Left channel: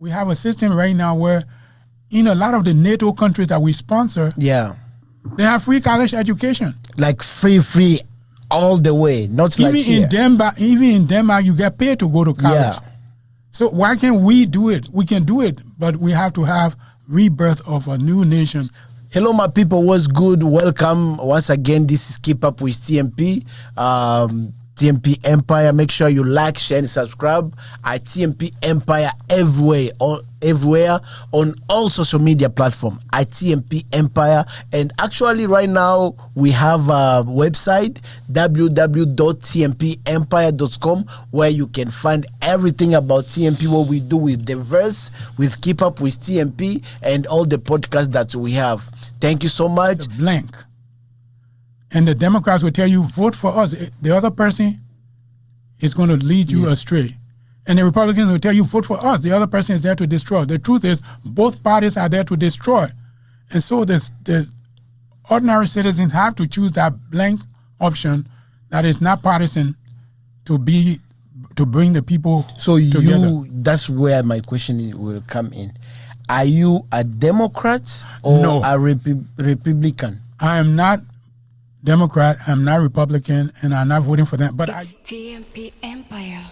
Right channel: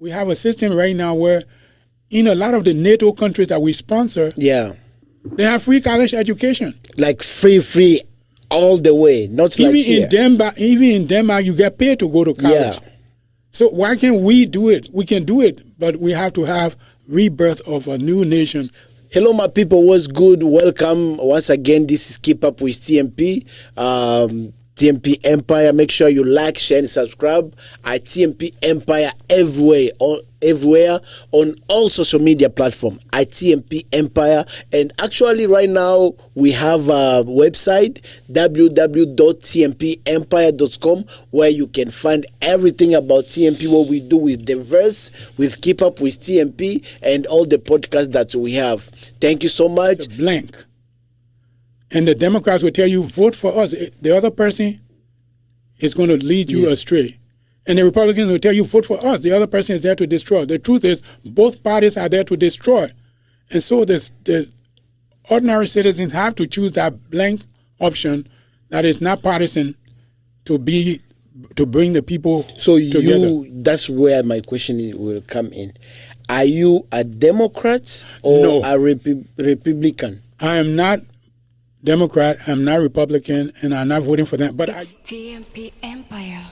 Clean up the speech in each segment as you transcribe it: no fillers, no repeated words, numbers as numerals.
we have a system right now where in a lot of the NATO countries that we sponsor, they have free college education. Like free all the way, not even like here. Even in Denmark, you get paid to go to college. Yeah. So why can't we do it? We can do it, but we have to have rebirth of a new nation. Hello, my people. What's good? Welcome once again. This is Keep Up with TMP. TMP Empire. Make sure you like, share, and subscribe at TMP Empire everywhere on all social media platforms at TMP Empire. And actually, right now we have a website www.tmpempire.com where you can find everything about TMP, what we do with the verse, with Keep Up with TMP, and all the podcasts that we have. Thank you so much. It's a blank. And the Democrats will tell you, vote for us. The other person is going to lead you astray. And the Republicans will tell you, vote for us. The other person is there to destroy. The truth is, both parties are there to destroy. And so the ordinary citizens have to choose that blank option that is not partisan to bring the people together. That's where my question will come in. Are you a Democrat or a Republican? I am not Democrat, I'm not Republican, and I'm not voting for them. But it's TMP Empire.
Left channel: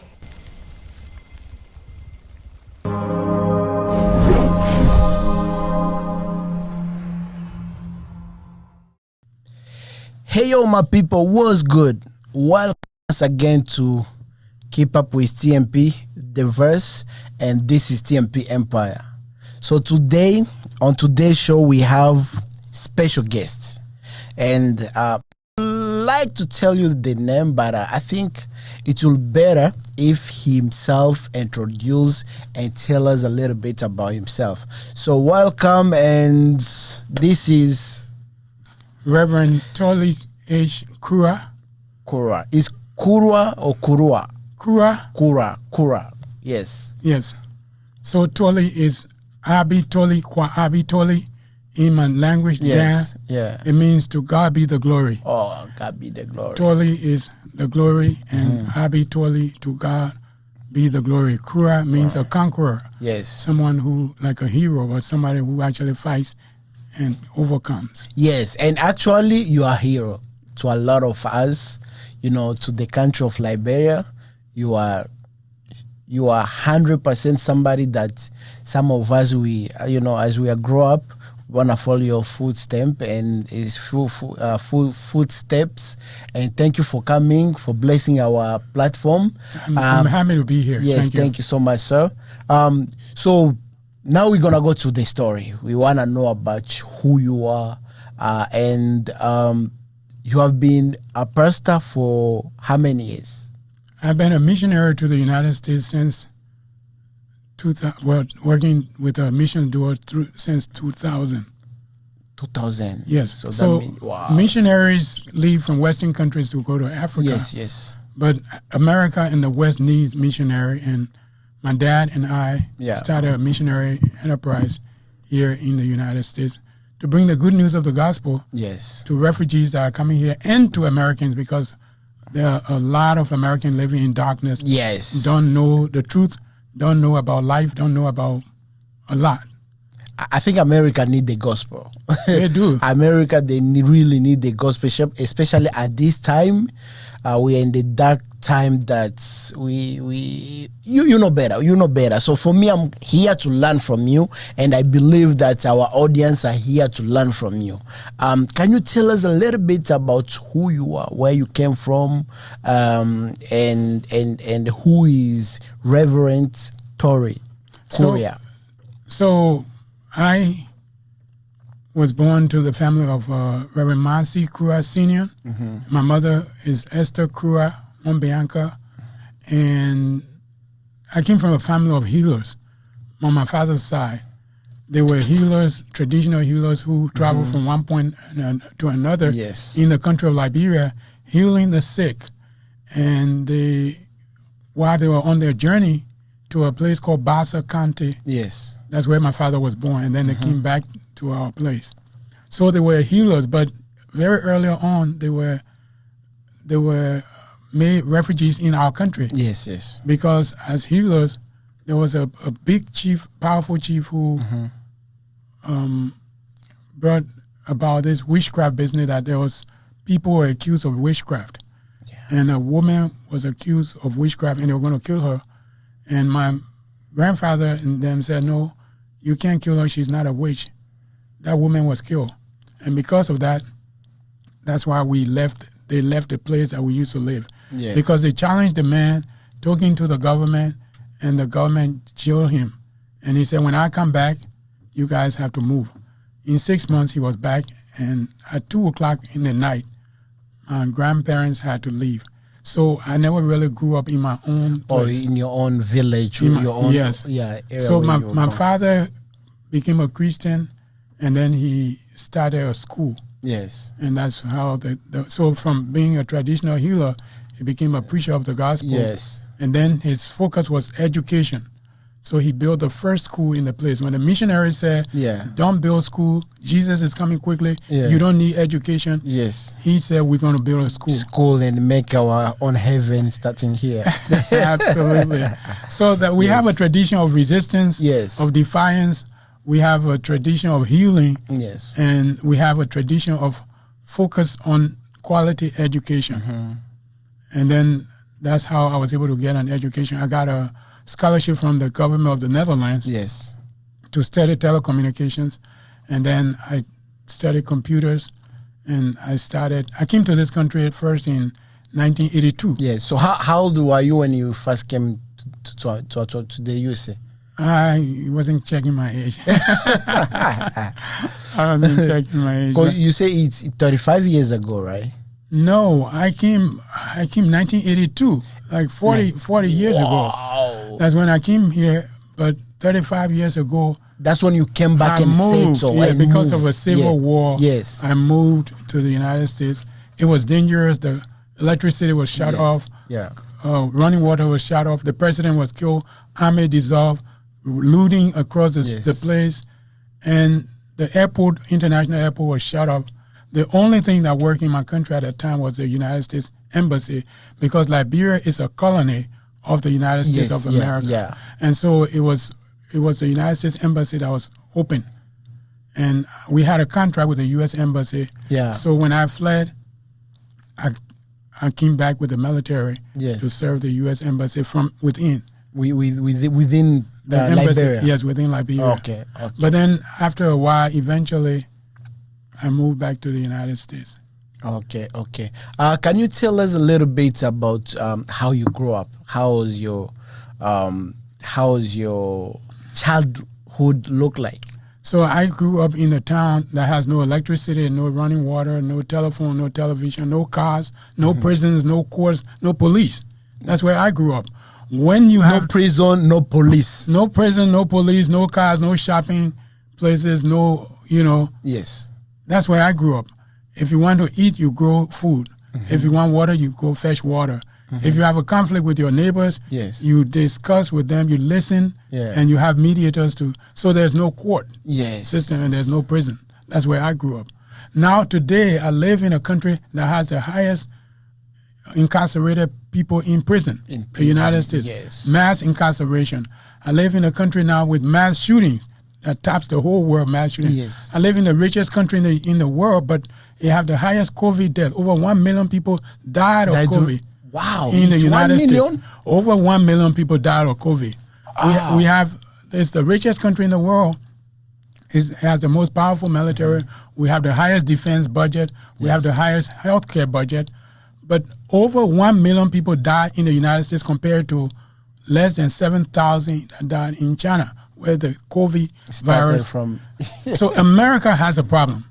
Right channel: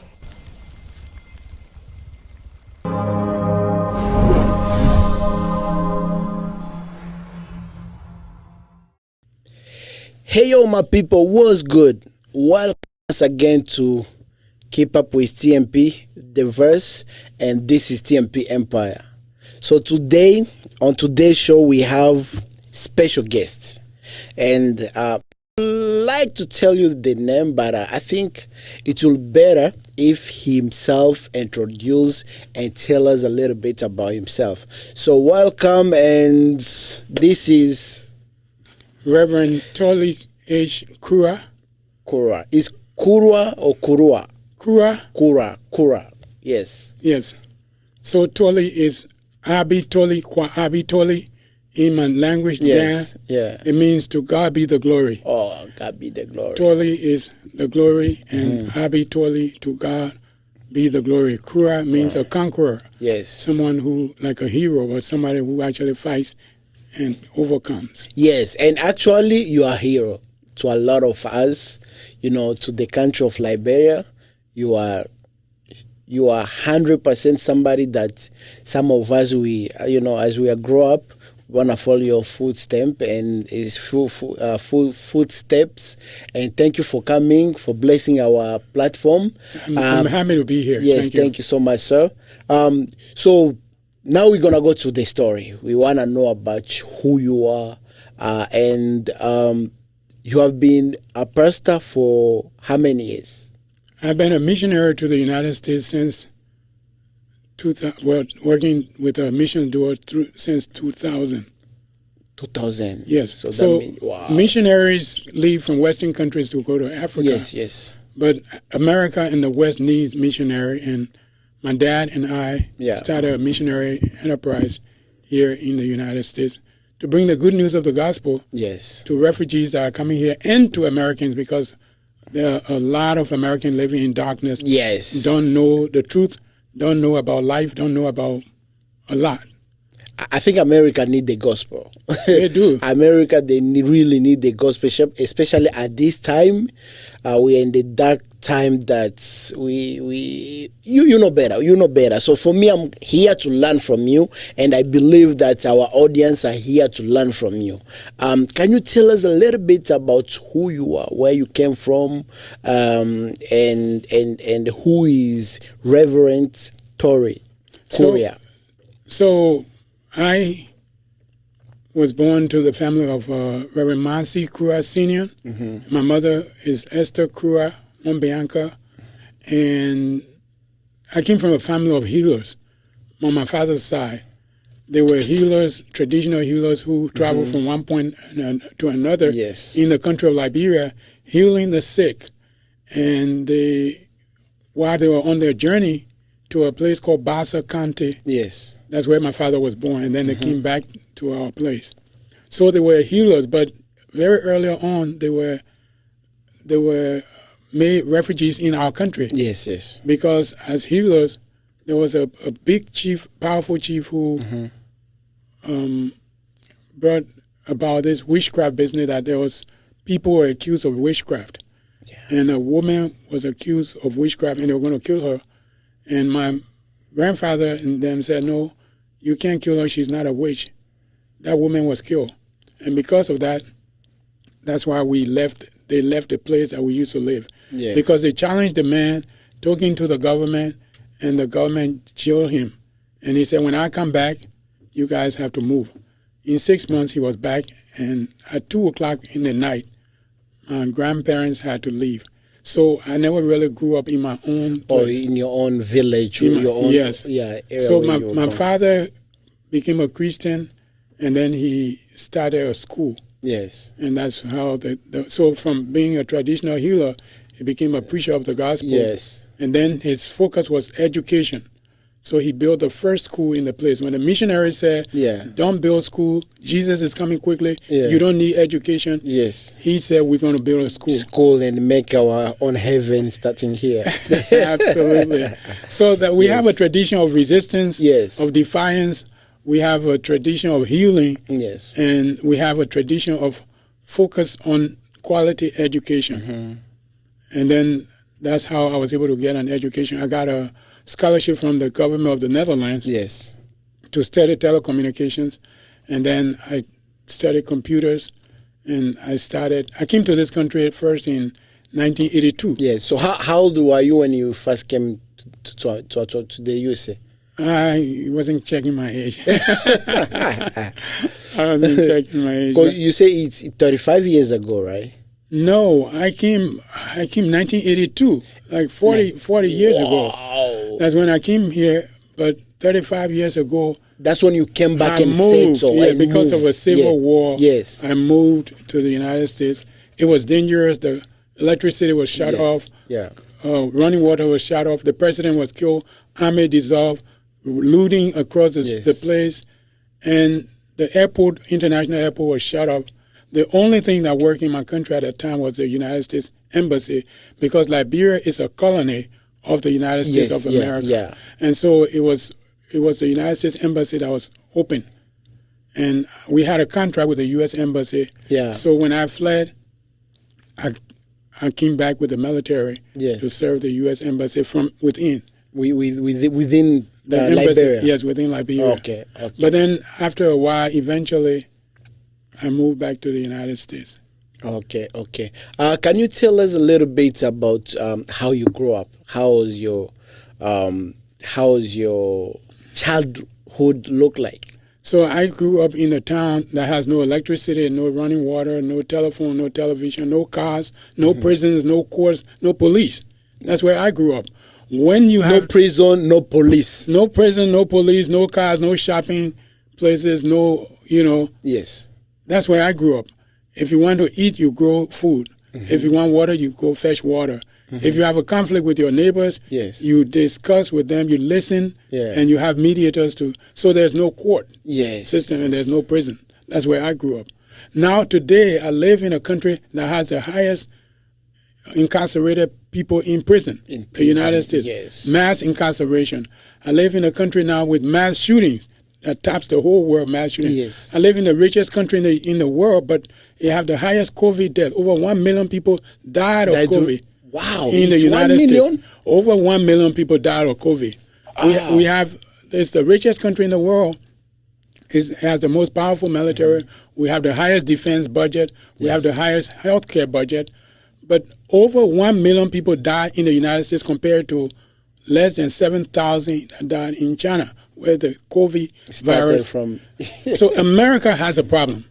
Hey, yo, my people, what's good? Welcome once again to Keep Up with TMP, the verse, and this is TMP Empire. So today, on today's show, we have special guests. And I'd like to tell you the name, but I think it will be better if he himself introduce and tell us a little bit about himself. So welcome, and this is Reverend Torli H. Krue. Krue. Is Krue or Krue? Krue. Yes. Yes. So Torli is Abi Torli, Kwa Abi Torli. In my language, it means to God be the glory. Oh, God be the glory. Torli is the glory, and Abi Torli, to God be the glory. Krue means a conqueror. Yes. Someone who, like a hero, or somebody who actually fights and overcomes. Yes, and actually you are a hero to a lot of us, to the country of Liberia. You are 100% somebody that some of us, as we grow up, want to follow your footsteps and his full footsteps. And thank you for coming, for blessing our platform. I'm happy to be here. Yes, thank you so much, sir. So now we're going to go to the story. We want to know about who you are. And you have been a pastor for how many years? I've been a missionary to the United States since working with a mission door since 2000. 2000. Yes. So that means, wow. Missionaries leave from Western countries to go to Africa. Yes. But America and the West needs missionary, and my dad and I started a missionary enterprise here in the United States to bring the good news of the gospel to refugees that are coming here and to Americans, because there are a lot of Americans living in darkness. Yes. Don't know the truth. Don't know about life, don't know about a lot. I think America need the gospel. They do. America, really need the gospel, especially at this time. We are in the dark time that you know better. So for me, I'm here to learn from you, and I believe that our audience are here to learn from you. Can you tell us a little bit about who you are, where you came from, and who is Reverend Torli Krue? So I was born to the family of Reverend Moody Krue Sr. My mother is Esther Krue Bianca, and I came from a family of healers on my father's side. They were healers, traditional healers who traveled from one point to another in the country of Liberia, healing the sick. And while they were on their journey to a place called Bassa County, that's where my father was born, and then they came back to our place. So they were healers, but very early on they were made refugees in our country. Yes. Because as healers, there was a big chief, powerful chief who brought about this witchcraft business, that there was people were accused of witchcraft. Yeah. And a woman was accused of witchcraft and they were going to kill her. And my grandfather and them said, no, you can't kill her. She's not a witch. That woman was killed. And because of that, that's why they left the place that we used to live. Yes. Because they challenged the man, talking to the government, and the government jailed him. And he said, when I come back, you guys have to move. In 6 months, he was back, and at 2 o'clock in the night, my grandparents had to leave. So I never really grew up in my own place. Or in your own village, or your own yes. area. So my father became a Christian, and then he started a school. Yes. And that's how so from being a traditional healer, he became a preacher of the gospel. Yes. And then his focus was education. So he built the first school in the place. When the missionaries said, don't build school, Jesus is coming quickly, you don't need education. Yes. He said, we're going to build a school. School and make our own heaven starting here. Absolutely. So that we have a tradition of resistance, of defiance. We have a tradition of healing. Yes. And we have a tradition of focus on quality education. And then that's how I was able to get an education. I got a scholarship from the government of the Netherlands to study telecommunications. And then I studied computers, and I came to this country at first in 1982. Yes. So how old were you when you first came to the USA? I wasn't checking my age. I wasn't checking my age. You say it's 35 years ago, right? No, I came 1982, like 40 years ago. That's when I came here, but 35 years ago. That's when you came back and moved. settled. Because of a civil war. Yes. I moved to the United States. It was dangerous. The electricity was shut off. Yeah. Running water was shut off. The president was killed. Army dissolved. Looting across the place. And the airport, international airport, was shut off. The only thing that worked in my country at that time was the United States Embassy, because Liberia is a colony of the United States of America. And so it was the United States Embassy that was open. And we had a contract with the U.S. Embassy. Yeah. So when I fled, I came back with the military to serve the U.S. Embassy from within. Within the embassy, Liberia? Yes, within Liberia. Okay. But then after a while, eventually, I moved back to the United States. Okay. Can you tell us a little bit about how you grew up? How was your childhood look like? So I grew up in a town that has no electricity, no running water, no telephone, no television, no cars, no prisons, no courts, no police. That's where I grew up. When you have no prison, no police, no prison, no police, no cars, no shopping places, Yes. That's where I grew up. If you want to eat, you grow food. If you want water, you go fetch water. If you have a conflict with your neighbors, you discuss with them, you listen, and you have mediators too. So there's no court system and there's no prison. That's where I grew up. Now today, I live in a country that has the highest incarcerated people in prison, the United States. Yes. Mass incarceration. I live in a country now with mass shootings that tops the whole world, mass shootings. Yes. I live in the richest country in the world, but it have the highest COVID death. Over 1 million people died of COVID. Wow. In the United 1 million? States. Over 1 million people died of COVID. It's the richest country in the world. It has the most powerful military. We have the highest defense budget. We have the highest healthcare budget. But over 1 million people died in the United States compared to less than 7,000 that died in China, where the COVID virus. So America has a problem,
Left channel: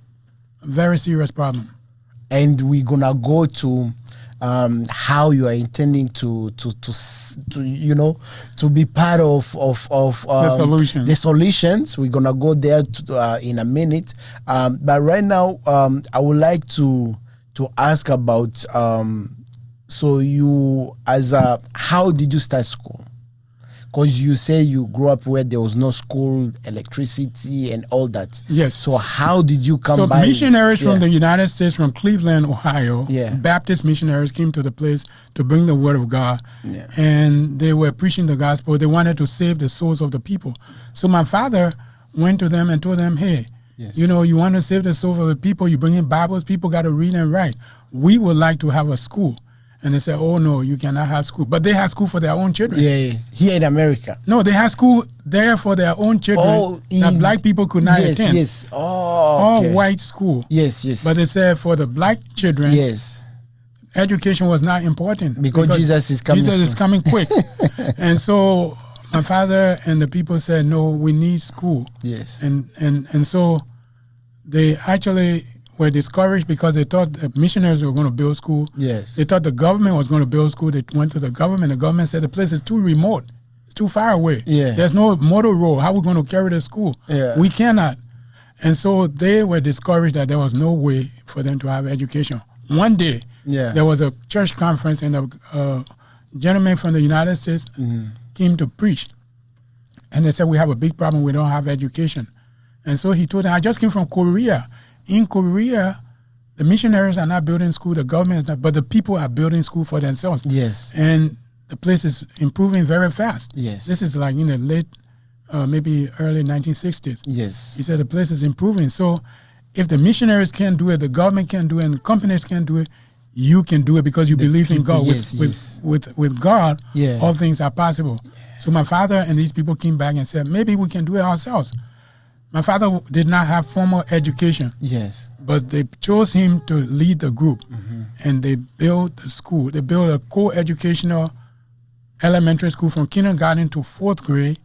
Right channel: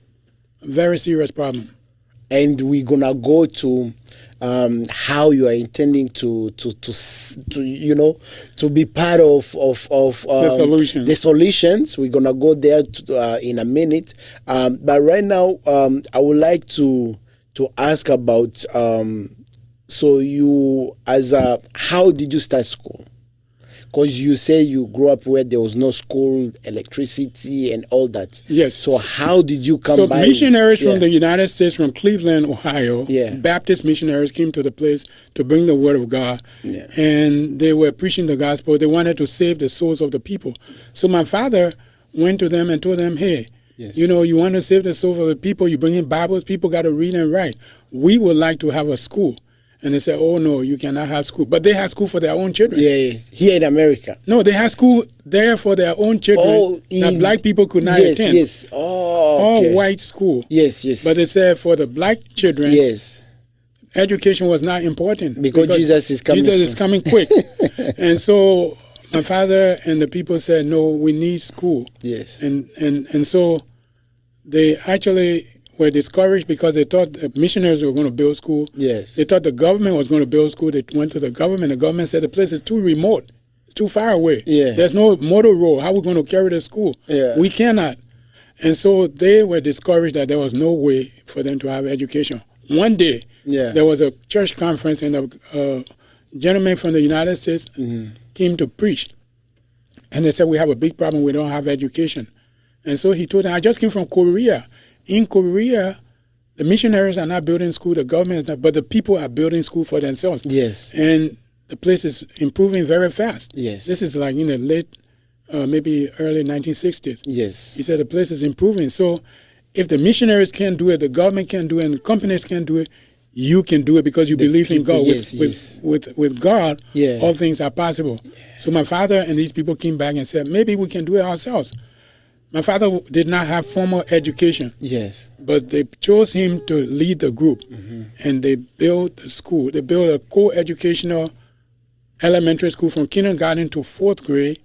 a very serious problem. And we're gonna go to how you are intending to be part of the solution. The solutions. We're gonna go there in a minute. But right now, I would like to ask about how did you start school? Because you say you grew up where there was no school, electricity, and all that. Yes. So how did you come by? So missionaries Yeah. from the United States, from Cleveland, Ohio, Yeah. Baptist missionaries came to the place to bring the word of God. Yeah. And they were preaching the gospel. They wanted to save the souls of the people. So my father went to them and told them, hey, Yes. you know, you want to save the souls of the people, you bring in Bibles, people got to read and write. We would like to have a school. And they said, oh, no, you cannot have school. But they had school for their own children. Yeah, here in America. No, they had school there for their own children that black people could not attend. Yes, oh, okay. All white school. Yes. But they said for the black children, yes, education was not important. because Jesus is coming Jesus soon. is coming quick. And so my father and the people said, no, we need school. Yes. And so they actually were discouraged because they thought the missionaries were going to build school. Yes. They thought the government was going to build school. They went to the government. The government said the place is too remote. It's too far away. Yeah. There's no motor road. How are we going to carry the school? Yeah. We cannot. And so they were discouraged that there was no way for them to have education. One day, Yeah. there was a church conference and a gentleman from the United States came to preach. And they said, we have a big problem. We don't have education. And so he told them, I just came from Korea. In Korea, the missionaries are not building school, the government is not, but the people are building school for themselves. Yes. And the place is improving very fast. Yes. This is like in the late, maybe early 1960s. Yes. He said the place is improving. So if the missionaries can't do it, the government can't do it, and the companies can't do it, you can do it because you believe in people, God. yes, With God, Yeah. all things are possible. So my father and these people came back and said, maybe we can do it ourselves. My father did not have formal education, Yes. but they chose him to lead the group, and they built the school. They built a co-educational elementary school from kindergarten to 4th grade,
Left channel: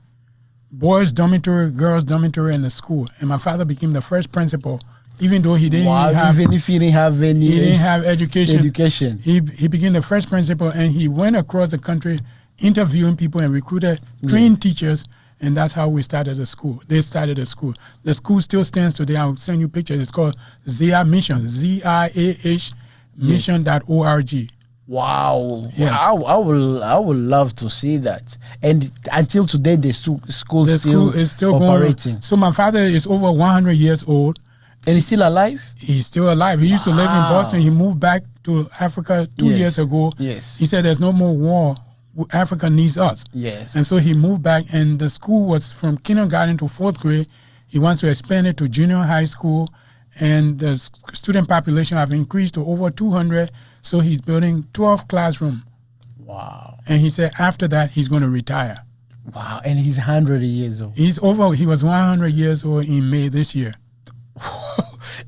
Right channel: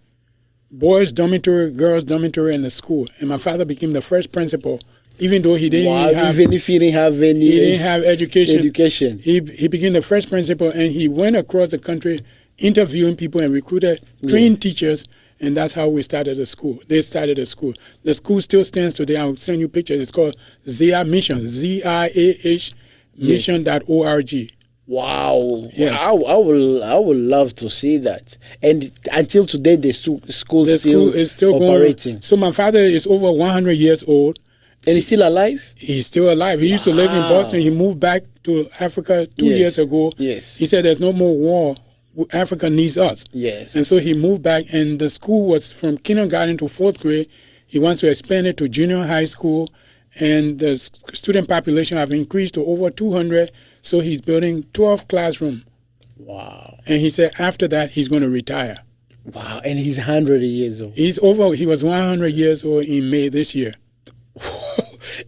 boys' dormitory, girls' dormitory in the school. And my father became the first principal, even though he didn't Even if he didn't have any he didn't have education. He became the first principal, and he went across the country interviewing people and recruited trained teachers, and that's how we started the school. They started the school. The school still stands today. I'll send you pictures. It's called ZIAH Mission, ZIAH mission.org. Wow. Yes. I would love to see that. And until today, the school The school is still operating. going. So my father is over 100 years old. And he's still alive? He's still alive. He used to live in Boston. He moved back to Africa 2 Yes. years ago. Yes. He said there's no more war. Africa needs us. Yes. And so he moved back, and the school was from kindergarten to 4th grade. He wants to expand it to junior high school, and the student population have increased to over 200, so he's building 12 classrooms. Wow. And he said after that, he's going to retire. Wow. And he's 100 years old. He was 100 years old in May this year.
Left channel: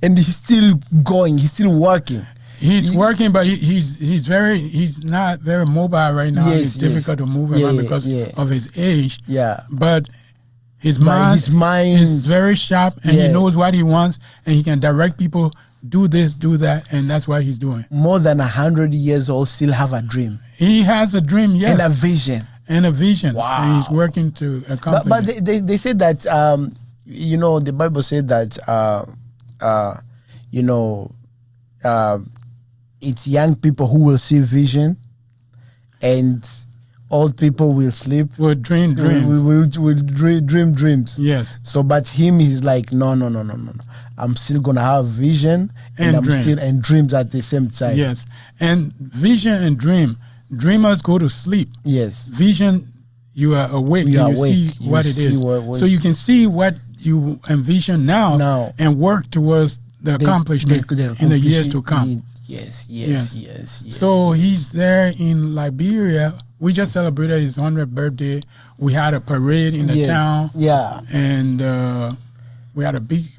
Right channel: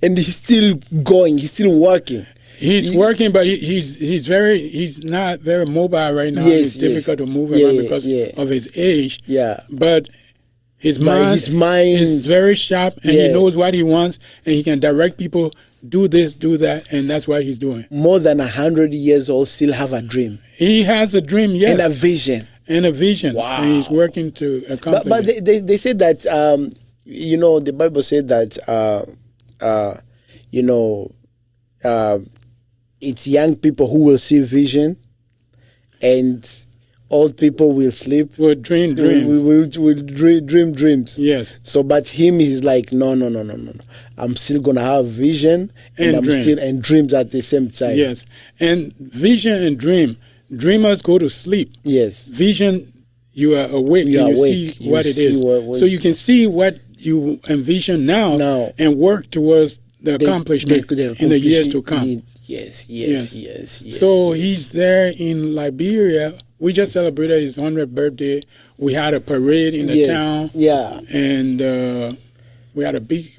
And he's still going. He's still working. He's working, but he's not very mobile right now. Yes, It's difficult to move Yeah, around because yeah. of his age. Yeah. But his But mind is very sharp, and Yeah. he knows what he wants, and he can direct people, do this, do that, and that's what he's doing. More than 100 years old, still have a dream. He has a dream, yes. And a vision. And a vision. Wow. And he's working to accomplish But it. they say that, the Bible said that, it's young people who will see vision, and old people will sleep. We'll dream dreams. Will dream dreams. Yes. So, but him, he's like, no. I'm still gonna have vision And dream. and dreams at the same time. Yes. And vision and dream. Dreamers go to sleep. Yes. Vision, you are awake You and are you awake. see You what it see is. what- So you can see what you envision now. And work towards the accomplishment in the years to come. Yes. So he's there in Liberia. We just celebrated his 100th birthday. We had a parade in the town. Yeah. And we had a big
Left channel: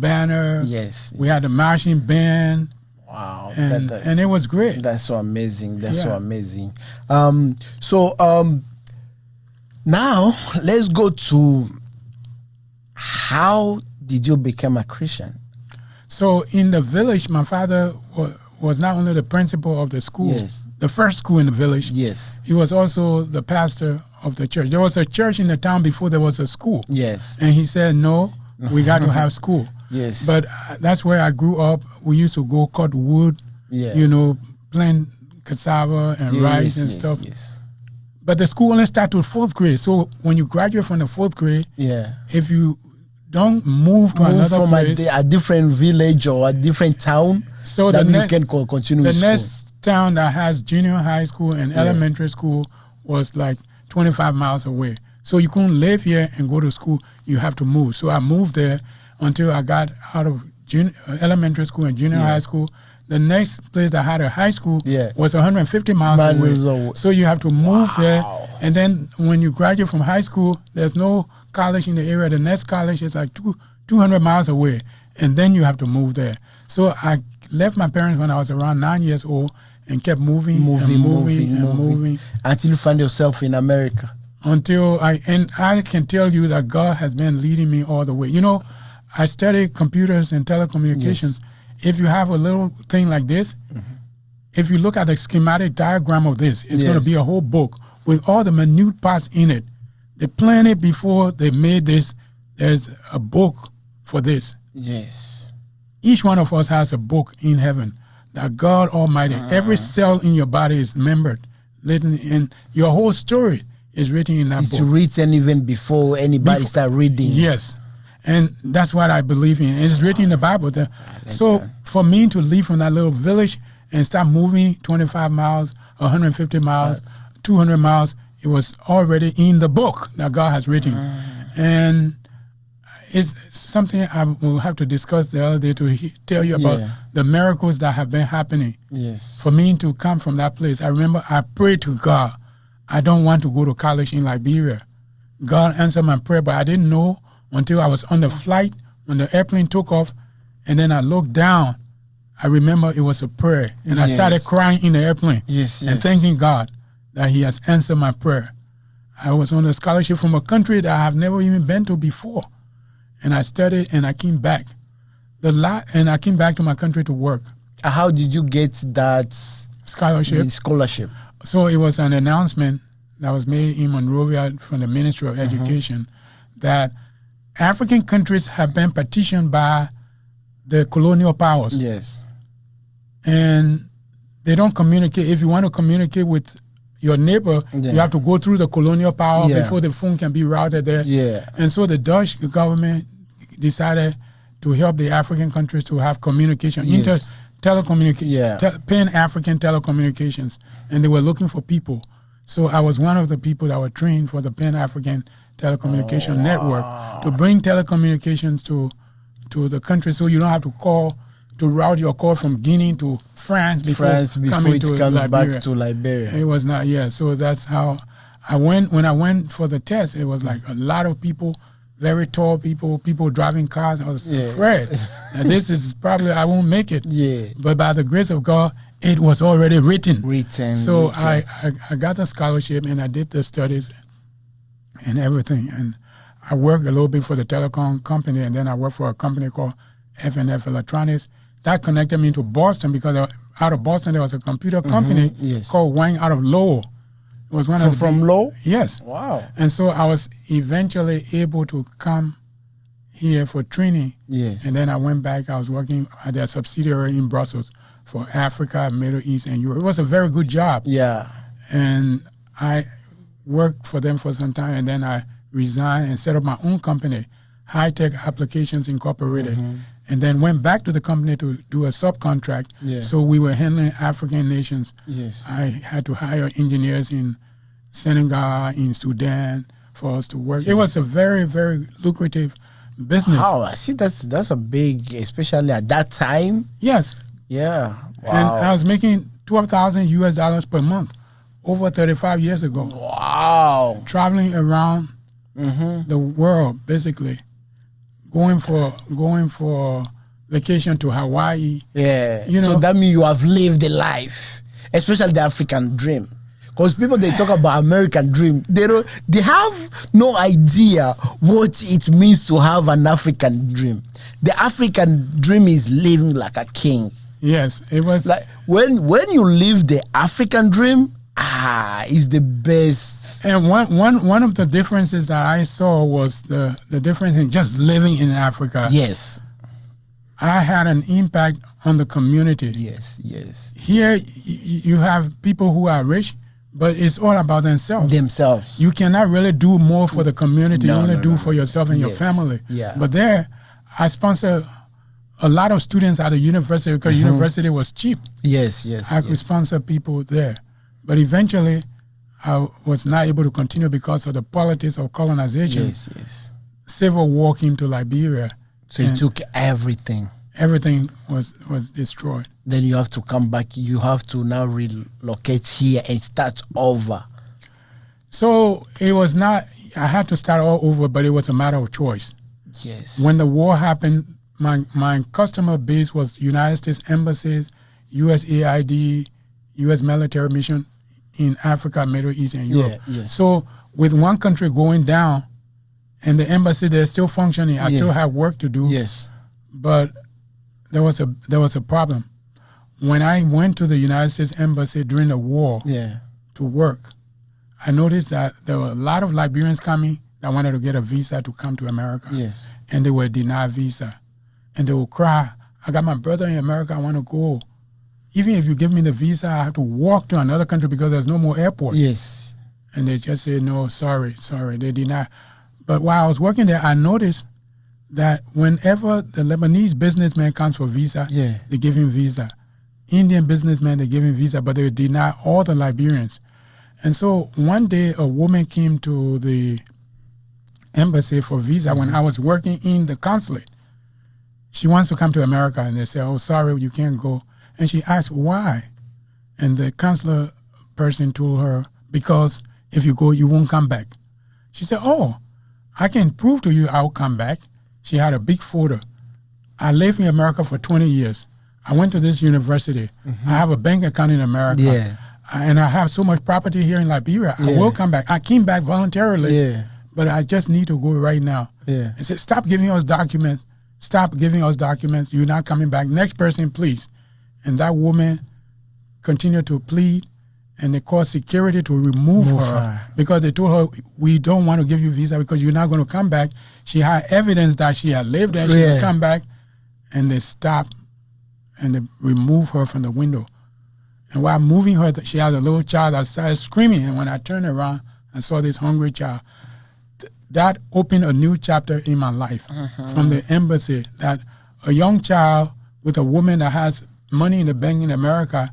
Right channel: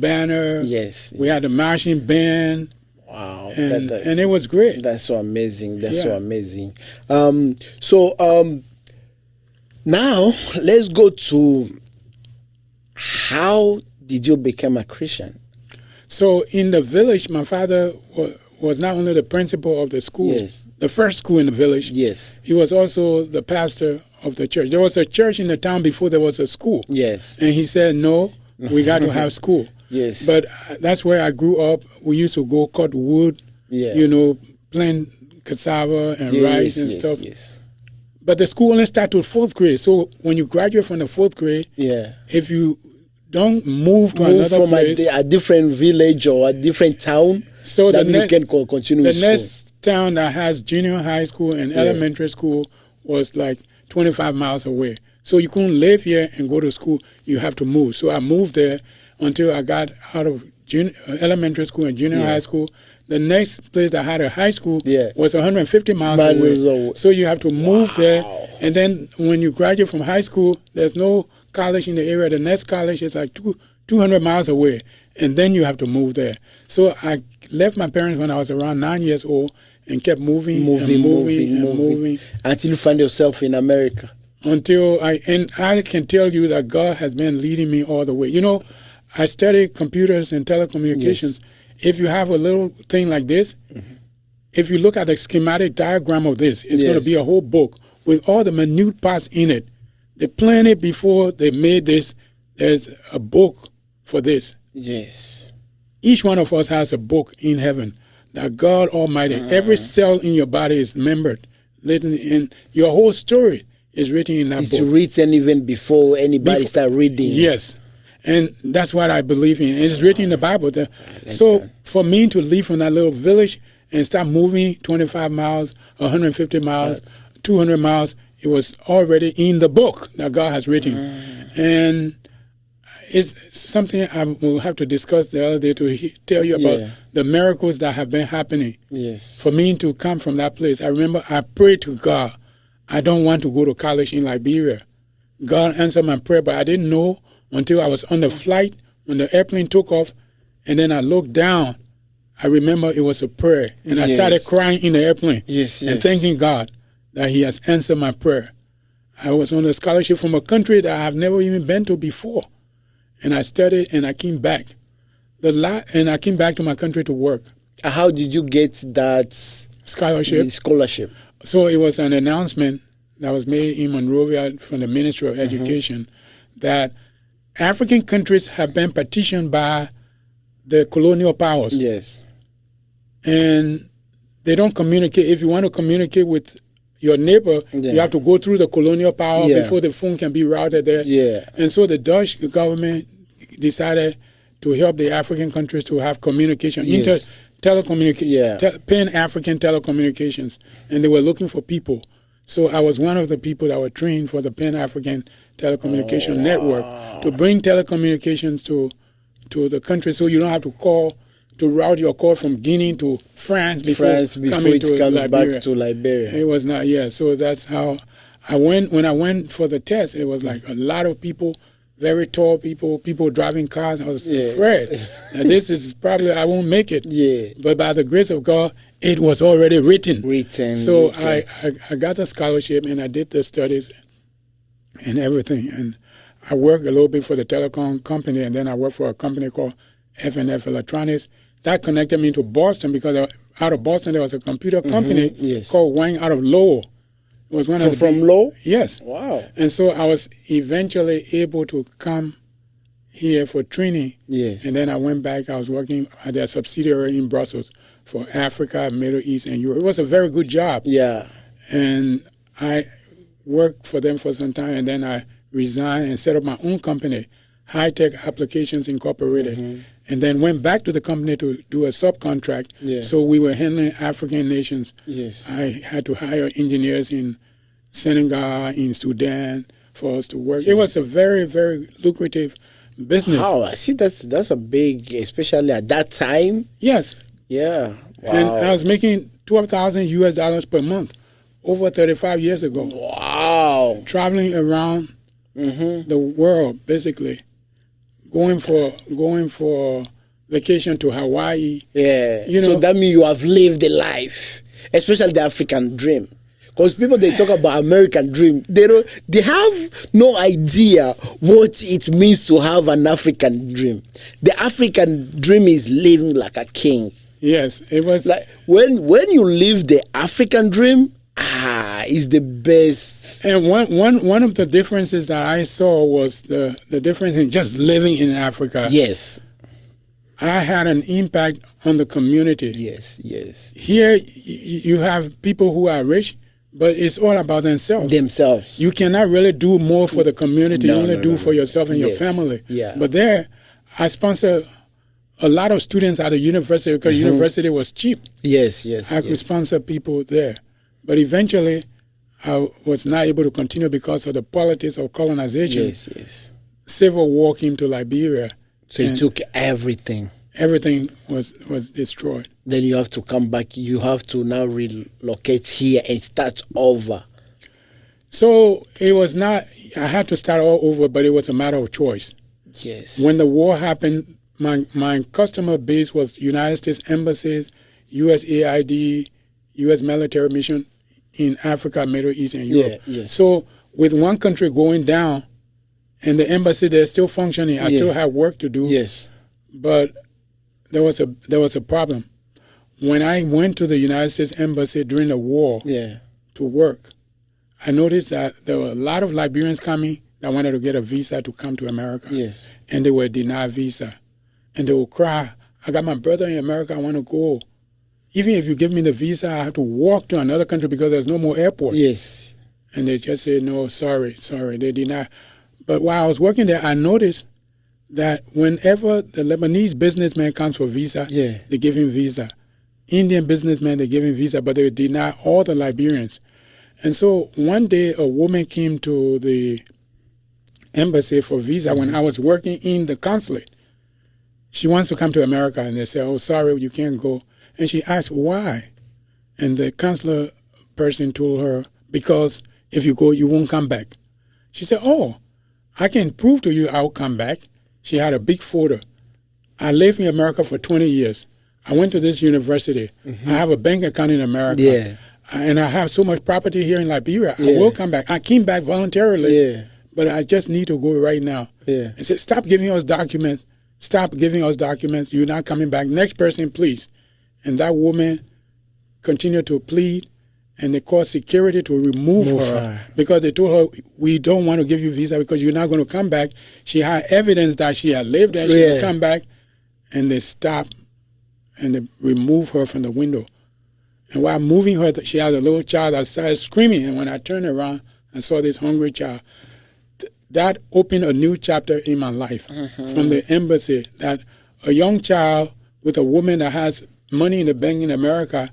banner. Yes. We had a marching band. Wow. And it was great. That's so amazing. That's so Yeah. amazing. Now let's go to how did you become a Christian? So in the village, my father was not only the principal of the school, Yes. the first school in the village. Yes. He was also the pastor of the church. There was a church in the town before there was a school. Yes. And he said, no, we got to have school. Yes. But that's where I grew up. We used to go cut wood, Yeah. plant cassava and rice and stuff. Yes. But the school only starts with 4th grade. So when you graduate from the 4th grade, if you don't move to another from place, a different village or a different town, so then the you can continue with the school. next town that has junior high school and elementary school was like 25 miles away. So you couldn't live here and go to school. You have to move. So I moved there until I got out of elementary school and junior high school. The next place that had a high school was 150 miles away. So you have to move there. And then when you graduate from high school, there's no college in the area. The next college is like 200 miles away. And then you have to move there. So I left my parents when I was around 9 years old and kept moving. Until you find yourself in America. And I can tell you that God has been leading me all the way. You know, I studied computers and telecommunications. If you have a little thing like this, if you look at the schematic diagram of this, it's going to be a whole book with all the minute parts in it. The planet before they made this, there's a book for this. Yes. Each one of us has a book in heaven that God Almighty, every cell in your body is remembered, written in your whole story is written in that book. It's written even before anybody start reading. Yes. And that's what I believe in. It's written in the Bible. So for me to leave from that little village and start moving 25 miles, 150 miles, 200 miles, it was already in the book that God has written. And it's something I will have to discuss the other day to tell you about the miracles that have been happening. Yes. For me to come from that place, I remember I prayed to God, I don't want to go to college in Liberia. God answered my prayer, but I didn't know until I was on the flight when the airplane took off, and then I looked down. I remember it was a prayer, and I started crying in the airplane and thanking God that He has answered my prayer. I was on a scholarship from a country that I have never even been to before, and I studied and I came back. And I came back to my country to work. How did you get that scholarship? So it was an announcement that was made in Monrovia from the Ministry of Education that African countries have been partitioned by the colonial powers. Yes. And they don't communicate. If you want to communicate with your neighbor, you have to go through the colonial power before the phone can be routed there. Yeah. And so the Dutch government decided to help the African countries to have communication, Pan-African telecommunications. And they were looking for people. So I was one of the people that were trained for the Pan-African telecommunication network to bring telecommunications to the country, so you don't have to route your call from Guinea to France before it comes back to Liberia. It was not, so that's how I went. When I went for the test, it was like a lot of people, very tall people driving cars. I was afraid that this is probably, I won't make it. Yeah. But by the grace of God, it was already written. So I got a scholarship and I did the studies and everything. And I worked a little bit for the telecom company, and then I worked for a company called F&F Electronics. That connected me to Boston because out of Boston there was a computer company called Wang out of Lowell. It was one from Lowell? Yes. Wow. And so I was eventually able to come here for training. Yes. And then I went back. I was working at their subsidiary in Brussels for Africa, Middle East, and Europe. It was a very good job. Yeah. And I worked for them for some time, and then I resigned and set up my own company, High Tech Applications Incorporated, and then went back to the company to do a subcontract. Yeah. So we were handling African nations. Yes. I had to hire engineers in Senegal, in Sudan for us to work. Yeah. It was a very, very lucrative business. Wow, I see that's a big, especially at that time. Yes. Yeah. Wow. And I was making $12,000 per month over 35 years ago. Wow. Traveling around the world, basically. Going for vacation to Hawaii. Yeah. So that means you have lived the life, especially the African dream. Because people, they talk about American dream, they have no idea what it means to have an African dream. The African dream is living like a king. Yes, it was like when you live the African dream, is the best. And one of the differences that I saw was the difference in just living in Africa. Yes. I had an impact on the community. Yes, yes. Here you have people who are rich, but it's all about themselves. You cannot really do more for the community. You only do for yourself and your family. Yeah. But there, I sponsor a lot of students at the university because university was cheap. Yes. I could sponsor people there. But eventually, I was not able to continue because of the politics of colonization. Yes. Civil war came to Liberia. So it took everything. Everything was destroyed. Then you have to come back. You have to now relocate here and start over. So it was not, I had to start all over, but it was a matter of choice. Yes. When the war happened, my customer base was United States embassies, U.S.A. U.S. military mission in Africa, Middle East, and Europe. Yes. So with one country going down and the embassy, they're still functioning, I still have work to do. Yes. But there was a problem. When I went to the United States embassy during the war to work, I noticed that there were a lot of Liberians coming that wanted to get a visa to come to America. Yes. And they were denied visa. And they would cry, I got my brother in America, I want to go. Even if you give me the visa, I have to walk to another country because there's no more airport. Yes. And they just say, no, sorry, they deny. But while I was working there, I noticed that whenever the Lebanese businessman comes for visa, they give him visa. Indian businessman, they give him visa, but they deny all the Liberians. And so one day a woman came to the embassy for visa when I was working in the consulate. She wants to come to America, and they say, oh, sorry, you can't go. And she asked, why? And the consular person told her, because if you go, you won't come back. She said, oh, I can prove to you I'll come back. She had a big photo. I lived in America for 20 years. I went to this university. I have a bank account in America. Yeah. And I have so much property here in Liberia. I will come back. I came back voluntarily, but I just need to go right now. Yeah. I said, stop giving us documents. Stop giving us documents. You're not coming back. Next person, please. And that woman continued to plead, and they called security to remove her because they told her, we don't want to give you visa because you're not going to come back. She had evidence that she had lived there. She had come back, and they stopped, and they removed her from the window. And while moving her, she had a little child that started screaming. And when I turned around, I saw this hungry child. That opened a new chapter in my life from the embassy, that a young child with a woman that has money in the bank in America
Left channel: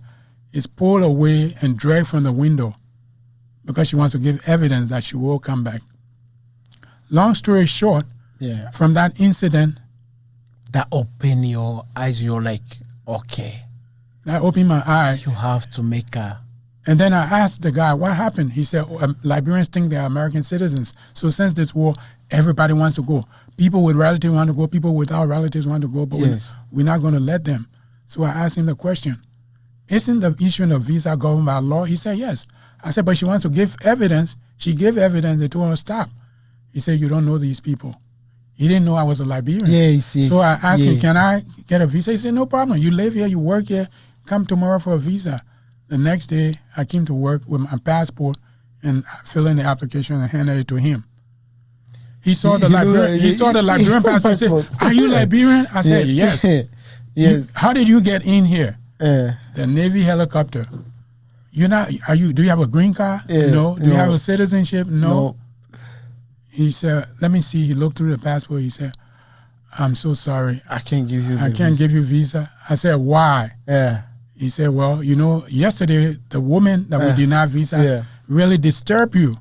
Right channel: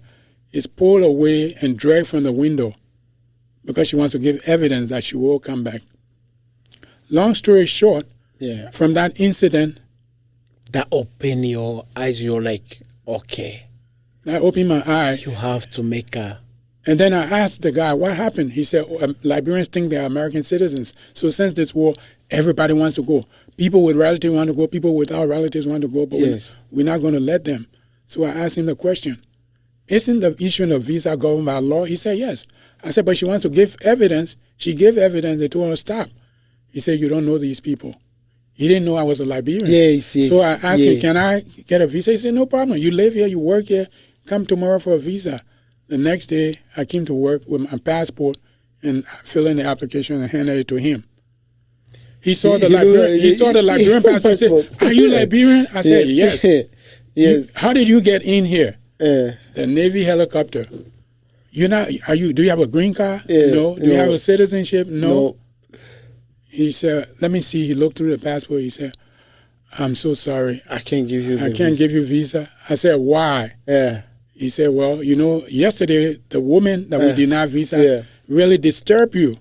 is pulled away and dragged from the window because she wants to give evidence that she will come back. Long story short, from that incident, that opened your eyes. You're like, okay. That opened my eye. You have to make a... And then I asked the guy, what happened? He said, Liberians think they're American citizens. So since this war, everybody wants to go. People with relatives want to go. People without relatives want to go. But we're not going to let them. So I asked him the question, isn't the issuing of visa governed by law? He said, yes. I said, but she wants to give evidence. She gave evidence. They told her, stop. He said, you don't know these people. He didn't know I was a Liberian. Yes. So I asked him, can I get a visa? He said, no problem. You live here, you work here. Come tomorrow for a visa. The next day, I came to work with my passport and filled in the application and handed it to him. He saw the Liberian. He saw the Liberian passport. He said, "Are you Liberian?" I said, "Yes." Yes. How did you get in here? The Navy helicopter. You're not. Are you? Do you have a green card? No. Do you have a citizenship? No. He said, "Let me see." He looked through the passport. He said, "I'm so sorry. I can't give you. I can't give you visa." I said, "Why?" He said, well, yesterday the woman that we denied visa really disturbed you.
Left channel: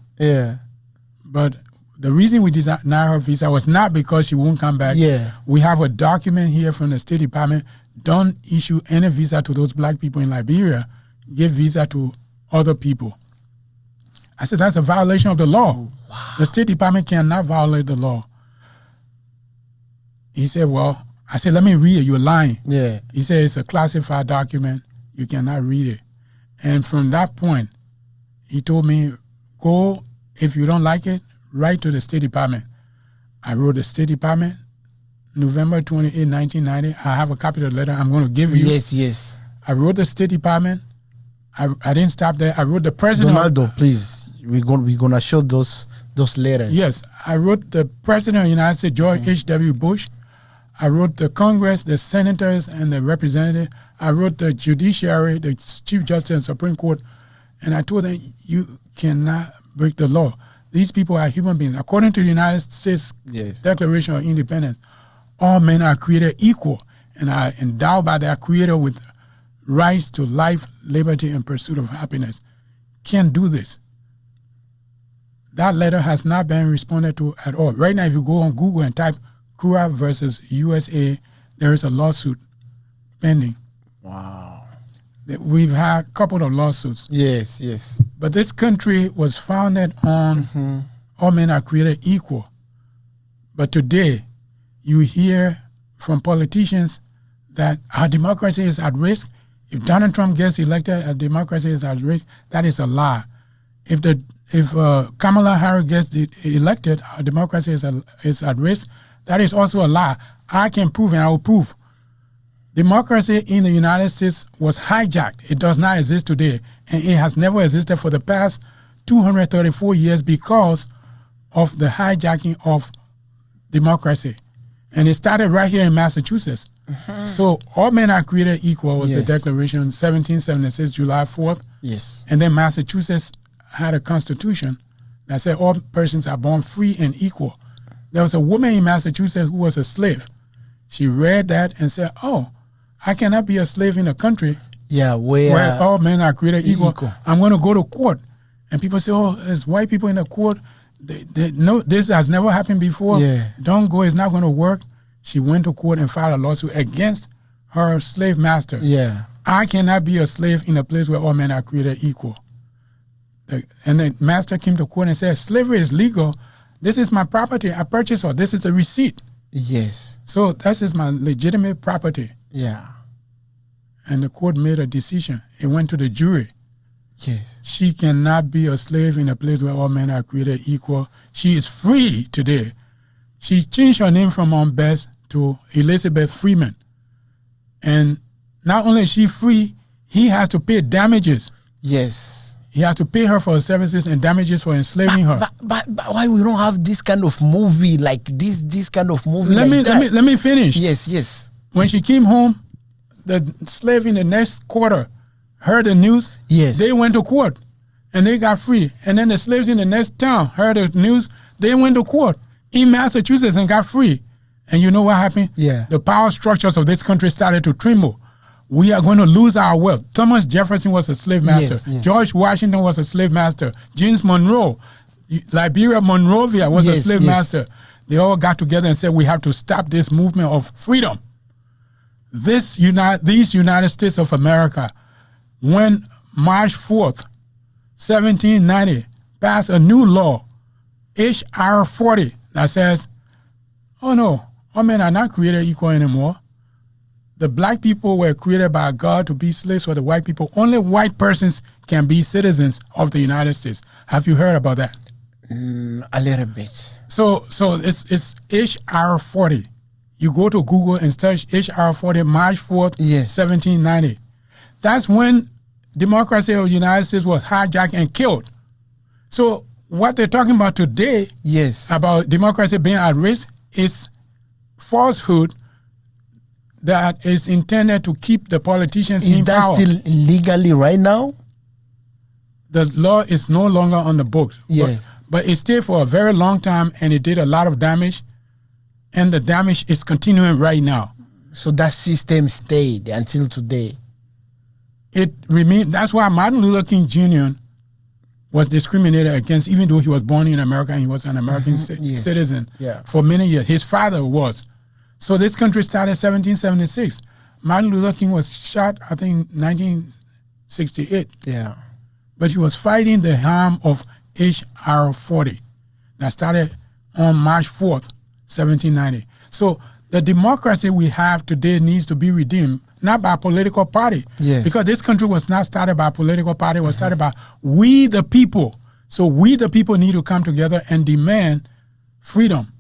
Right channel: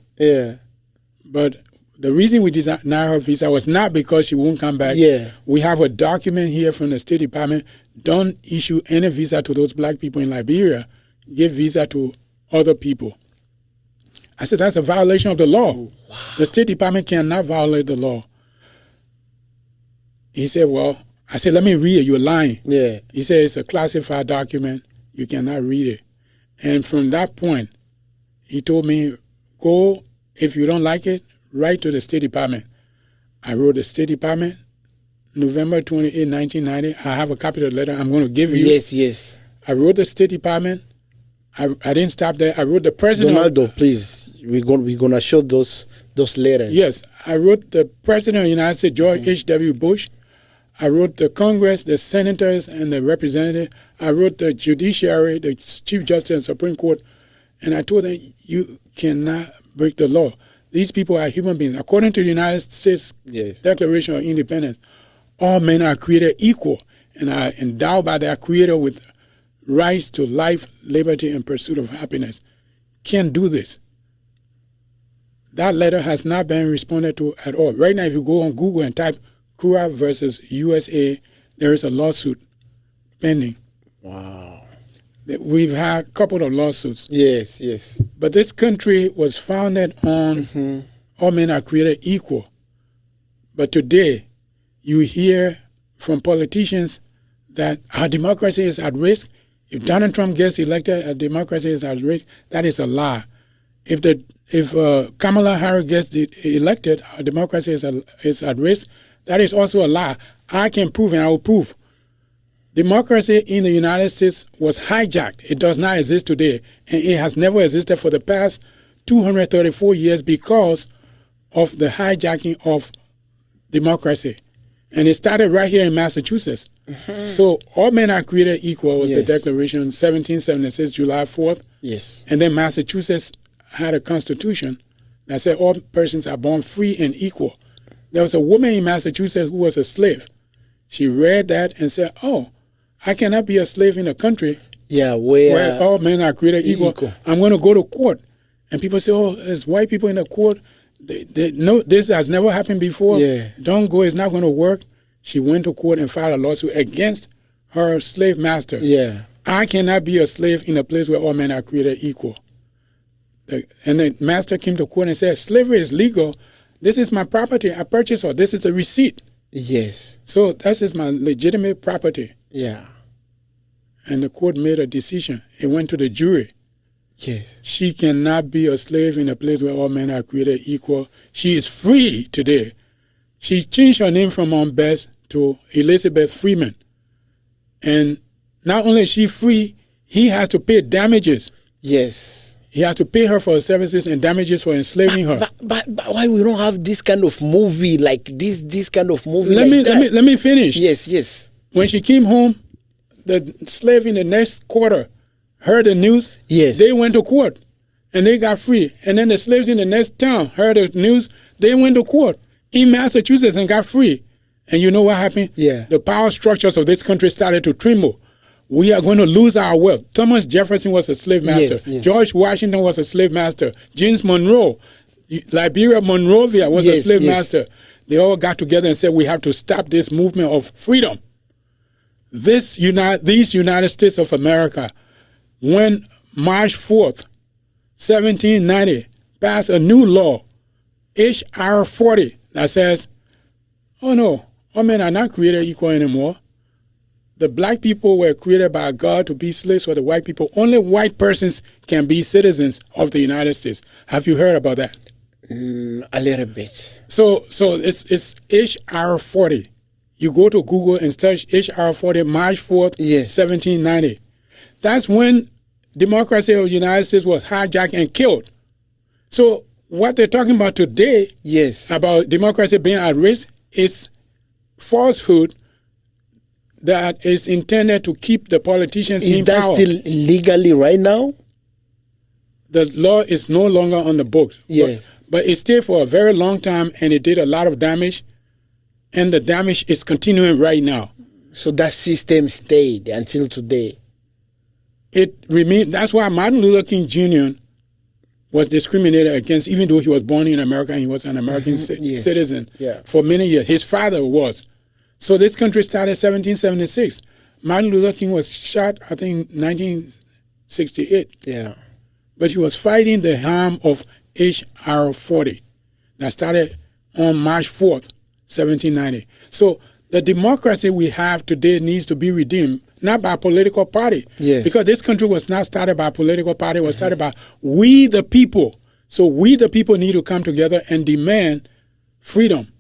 But the reason we denied her visa was not because she won't come back. We have a document here from the State Department. Don't issue any visa to those black people in Liberia. Give visa to other people. I said, that's a violation of the law. Wow. The State Department cannot violate the law. He said, well, I said, let me read it. You're lying. He said, it's a classified document. You cannot read it. And from that point, he told me, go, if you don't like it, write to the State Department. I wrote the State Department, November 28, 1990. I have a copy of the letter I'm going to give you. Yes. I wrote the State Department. I didn't stop there. I wrote the president. Donaldo, please, we're gonna show those letters. Yes. I wrote the president of the United States, George H.W. Bush. I wrote the Congress, the senators, and the representatives. I wrote the judiciary, the Chief Justice and Supreme Court, And I told them, you cannot break the law. These people are human beings. According to the United States Declaration of Independence, all men are created equal and are endowed by their Creator with rights to life, liberty, and pursuit of happiness. Can't do this. That letter has not been responded to at all. Right now, if you go on Google and type Krue versus U.S.A., there is a lawsuit pending. Wow. We've had a couple of lawsuits. Yes, yes. But this country was founded on all men are created equal. But today, you hear from politicians that our democracy is at risk. If Donald Trump gets elected, our democracy is at risk. That is a lie. If Kamala Harris gets elected, our democracy is at risk. That is also a lie. I can prove, and I will prove. Democracy in the United States was hijacked. It does not exist today, and it has never existed for the past 234 years because of the hijacking of democracy. And it started right here in Massachusetts. So all men are created equal was the Declaration 1776, July 4th. Yes. And then Massachusetts had a constitution that said all persons are born free and equal. There was a woman in Massachusetts who was a slave. She read that and said, oh, I cannot be a slave in a country where all men are created equal. I'm going to go to court. And people say, oh, there's white people in the court. No, this has never happened before. Don't go. It's not going to work. She went to court and filed a lawsuit against her slave master. I cannot be a slave in a place where all men are created equal. And the master came to court and said, slavery is legal. This is my property. I purchased it. This is the receipt. Yes. So that is my legitimate property. Yeah. And the court made a decision. It went to the jury. Yes. She cannot be a slave in a place where all men are created equal. She is free today. She changed her name from Aunt Bess to Elizabeth Freeman. And not only is she free, he has to pay damages. Yes. He has to pay her for her services and damages for enslaving her. But why we don't have this kind of movie like this kind of movie? Let me finish. Yes, yes. When she came home, the slave in the next quarter heard the news. Yes. They went to court and they got free. And then the slaves in the next town heard the news. They went to court in Massachusetts and got free. And you know what happened? Yeah. The power structures of this country started to tremble. We are going to lose our wealth. Thomas Jefferson was a slave master. Yes, yes. George Washington was a slave master. James Monroe, Liberia Monrovia was a slave master. They all got together and said, we have to stop this movement of freedom. These United States of America, when March 4th, 1790, passed a new law, H.R. 40, that says, oh no, all men are not created equal anymore. The black people were created by God to be slaves for the white people. Only white persons can be citizens of the United States. Have you heard about that? A little bit. So it's H.R. 40. You go to Google and search H.R. 40, March 4th, 1790. That's when democracy of the United States was hijacked and killed. So what they're talking about today about democracy being at risk is falsehood that is intended to keep the politicians in power. Is that still legally right now? The law is no longer on the books. But it stayed for a very long time and it did a lot of damage. And the damage is continuing right now. So that system stayed until today? It remained. That's why Martin Luther King Jr. was discriminated against, even though he was born in America and he was an American citizen for many years. His father was. So this country started in 1776. Martin Luther King was shot, I think, 1968. But he was fighting the harm of H.R. 40 that started on March 4th, 1790. So the democracy we have today needs to be redeemed, not by a political party. Because this country was not started by a political party. It was started by we the people. So we the people need to come together and demand freedom.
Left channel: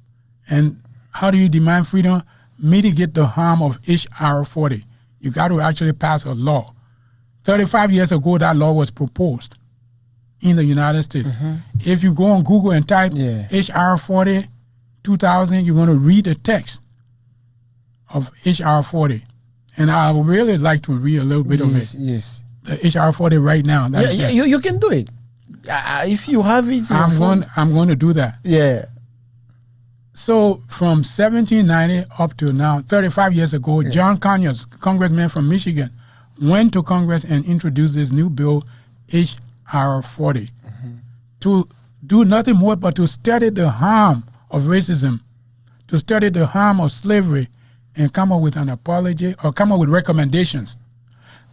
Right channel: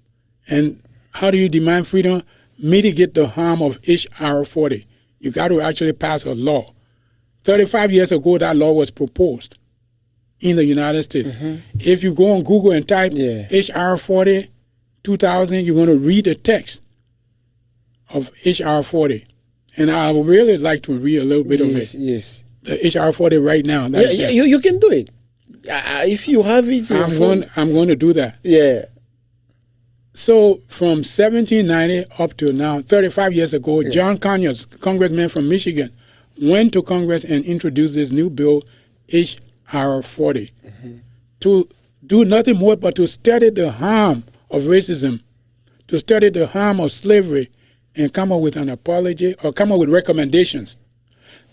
And how do you demand freedom? Mitigate the harm of H.R. 40. You got to actually pass a law. 35 years ago, that law was proposed in the United States. If you go on Google and type H.R. 40, 2000, you're going to read the text of H.R. 40. And I would really like to read a little bit of it. the HR 40 right now. Yeah, you can do it. If you have it, I'm going to do that. Yeah. So from 1790 up to now, 35 years ago, John Conyers, congressman from Michigan, went to Congress and introduced this new bill, HR 40, to do nothing more but to study the harm of racism, to study the harm of slavery, and come up with an apology or come up with recommendations.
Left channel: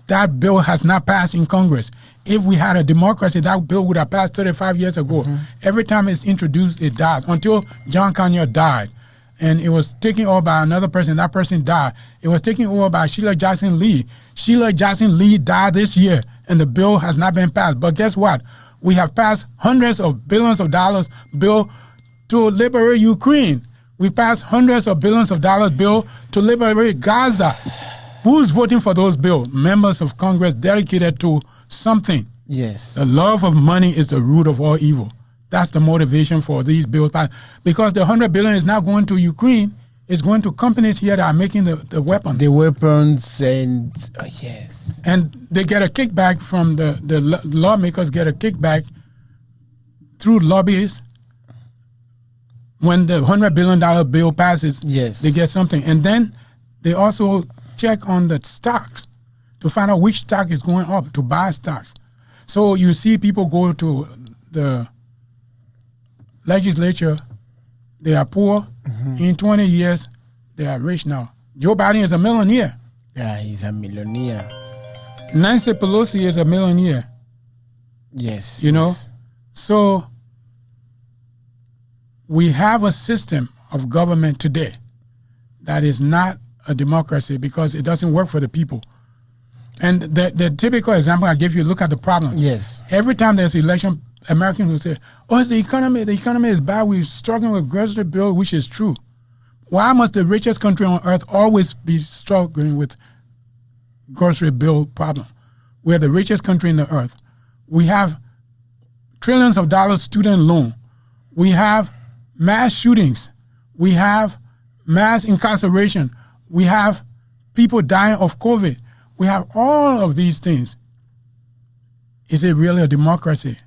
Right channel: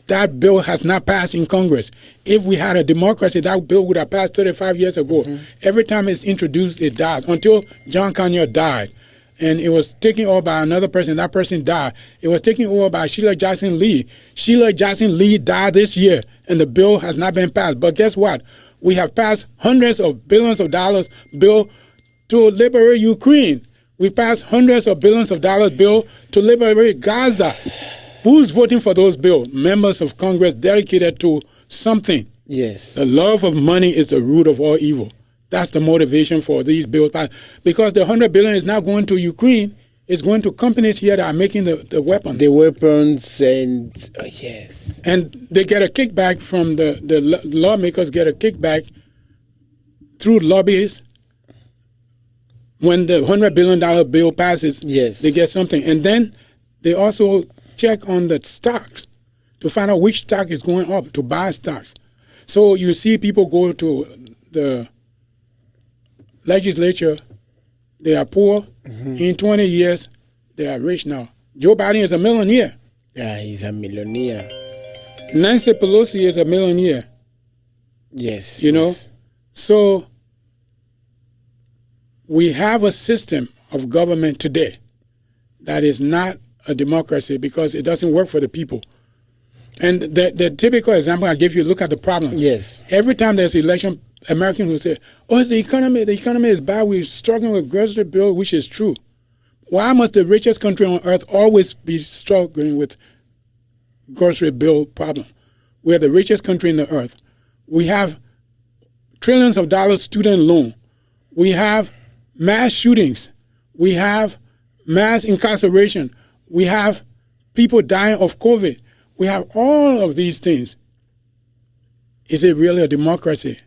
That bill has not passed in Congress. If we had a democracy, that bill would have passed 35 years ago. Every time it's introduced, it dies, until John Conyers died. And it was taken over by another person. That person died. It was taken over by Sheila Jackson Lee. Sheila Jackson Lee died this year, and the bill has not been passed. But guess what? We have passed hundreds of billions of dollars bill to liberate Ukraine. We've passed hundreds of billions of dollars bill to liberate Gaza. Who's voting for those bills? Members of Congress dedicated to something. Yes. The love of money is the root of all evil. That's the motivation for these bills. Because the $100 billion is not going to Ukraine. It's going to companies here that are making the weapons. The weapons and, yes. And they get a kickback from the lawmakers get a kickback through lobbyists. When the $100 billion bill passes, yes, they get something. And then they also check on the stocks to find out which stock is going up, to buy stocks. So you see people go to the legislature, they are poor. In 20 years, they are rich now. Joe Biden is a millionaire. Yeah, he's a millionaire. Nancy Pelosi is a millionaire. Yes. You know? So we have a system of government today that is not a democracy because it doesn't work for the people. And the typical example I give you, look at the problem. Yes. Every time there's election, Americans will say, oh, it's the economy. The economy is bad. We're struggling with grocery bill, which is true. Why must the richest country on earth always be struggling with grocery bill problem? We're the richest country in the earth. We have trillions of dollars student loan. We have mass shootings. We have mass incarceration. We have people dying of COVID. We have all of these things. Is it really a democracy?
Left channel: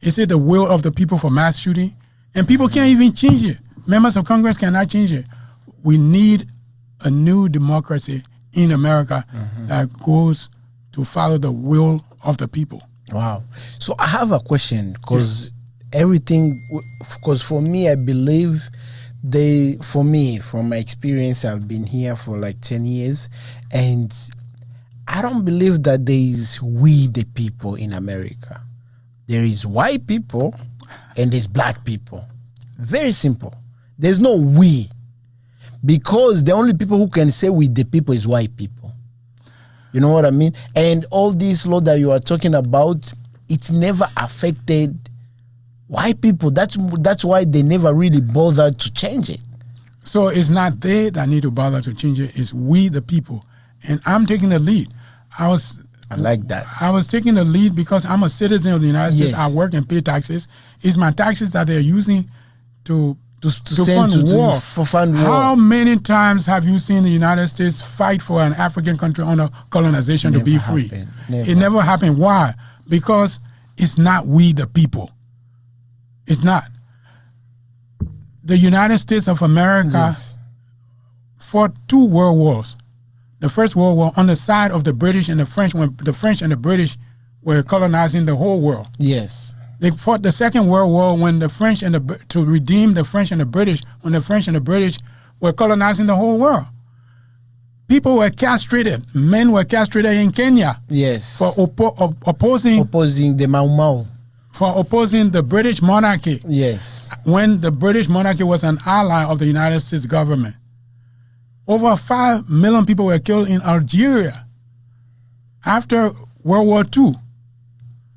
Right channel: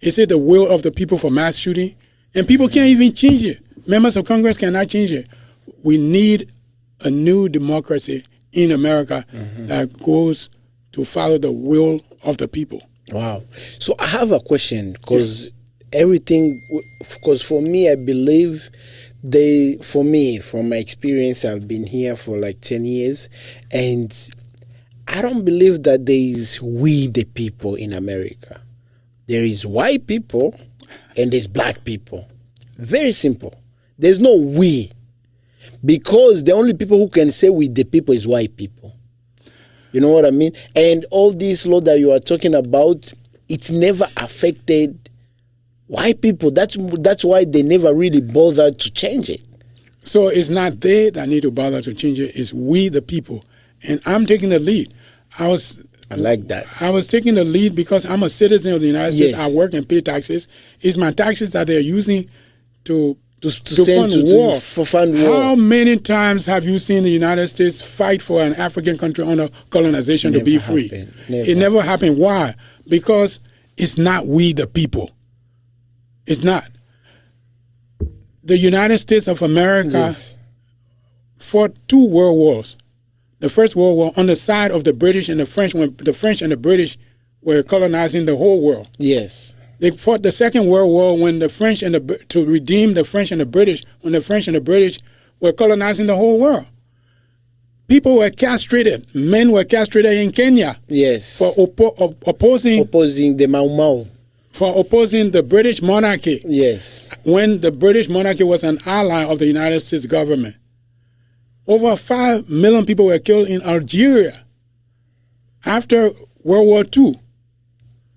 Is it the will of the people for mass shooting? And people can't even change it. Members of Congress cannot change it. We need a new democracy in America that goes to follow the will of the people. Wow. So I have a question because everything, because for me, I believe from my experience, I've been here for like 10 years, and I don't believe that there is we the people in America. There is white people and there's black people. Very simple. There's no we. Because the only people who can say we the people is white people. You know what I mean? And all this law that you are talking about, it's never affected white people. That's why they never really bothered to change it. So it's not they that need to bother to change it. It's we the people. And I'm taking the lead. I like that. I was taking the lead because I'm a citizen of the United States. Yes. I work and pay taxes. It's my taxes that they're using to fund war. How many times have you seen the United States fight for an African country under colonization to be free? It never happened. Why? Because it's not we the people. It's not. The United States of America fought 2 world wars. The First World War on the side of the British and the French, when the French and the British were colonizing the whole world. Yes. They fought the Second World War when the French to redeem the French and the British, when the French and the British were colonizing the whole world. People were castrated. Men were castrated in Kenya. Yes. For opposing the Mau Mau. For opposing the British monarchy. Yes. When the British monarchy was an ally of the United States government. Over 5 million people were killed in Algeria after World War II.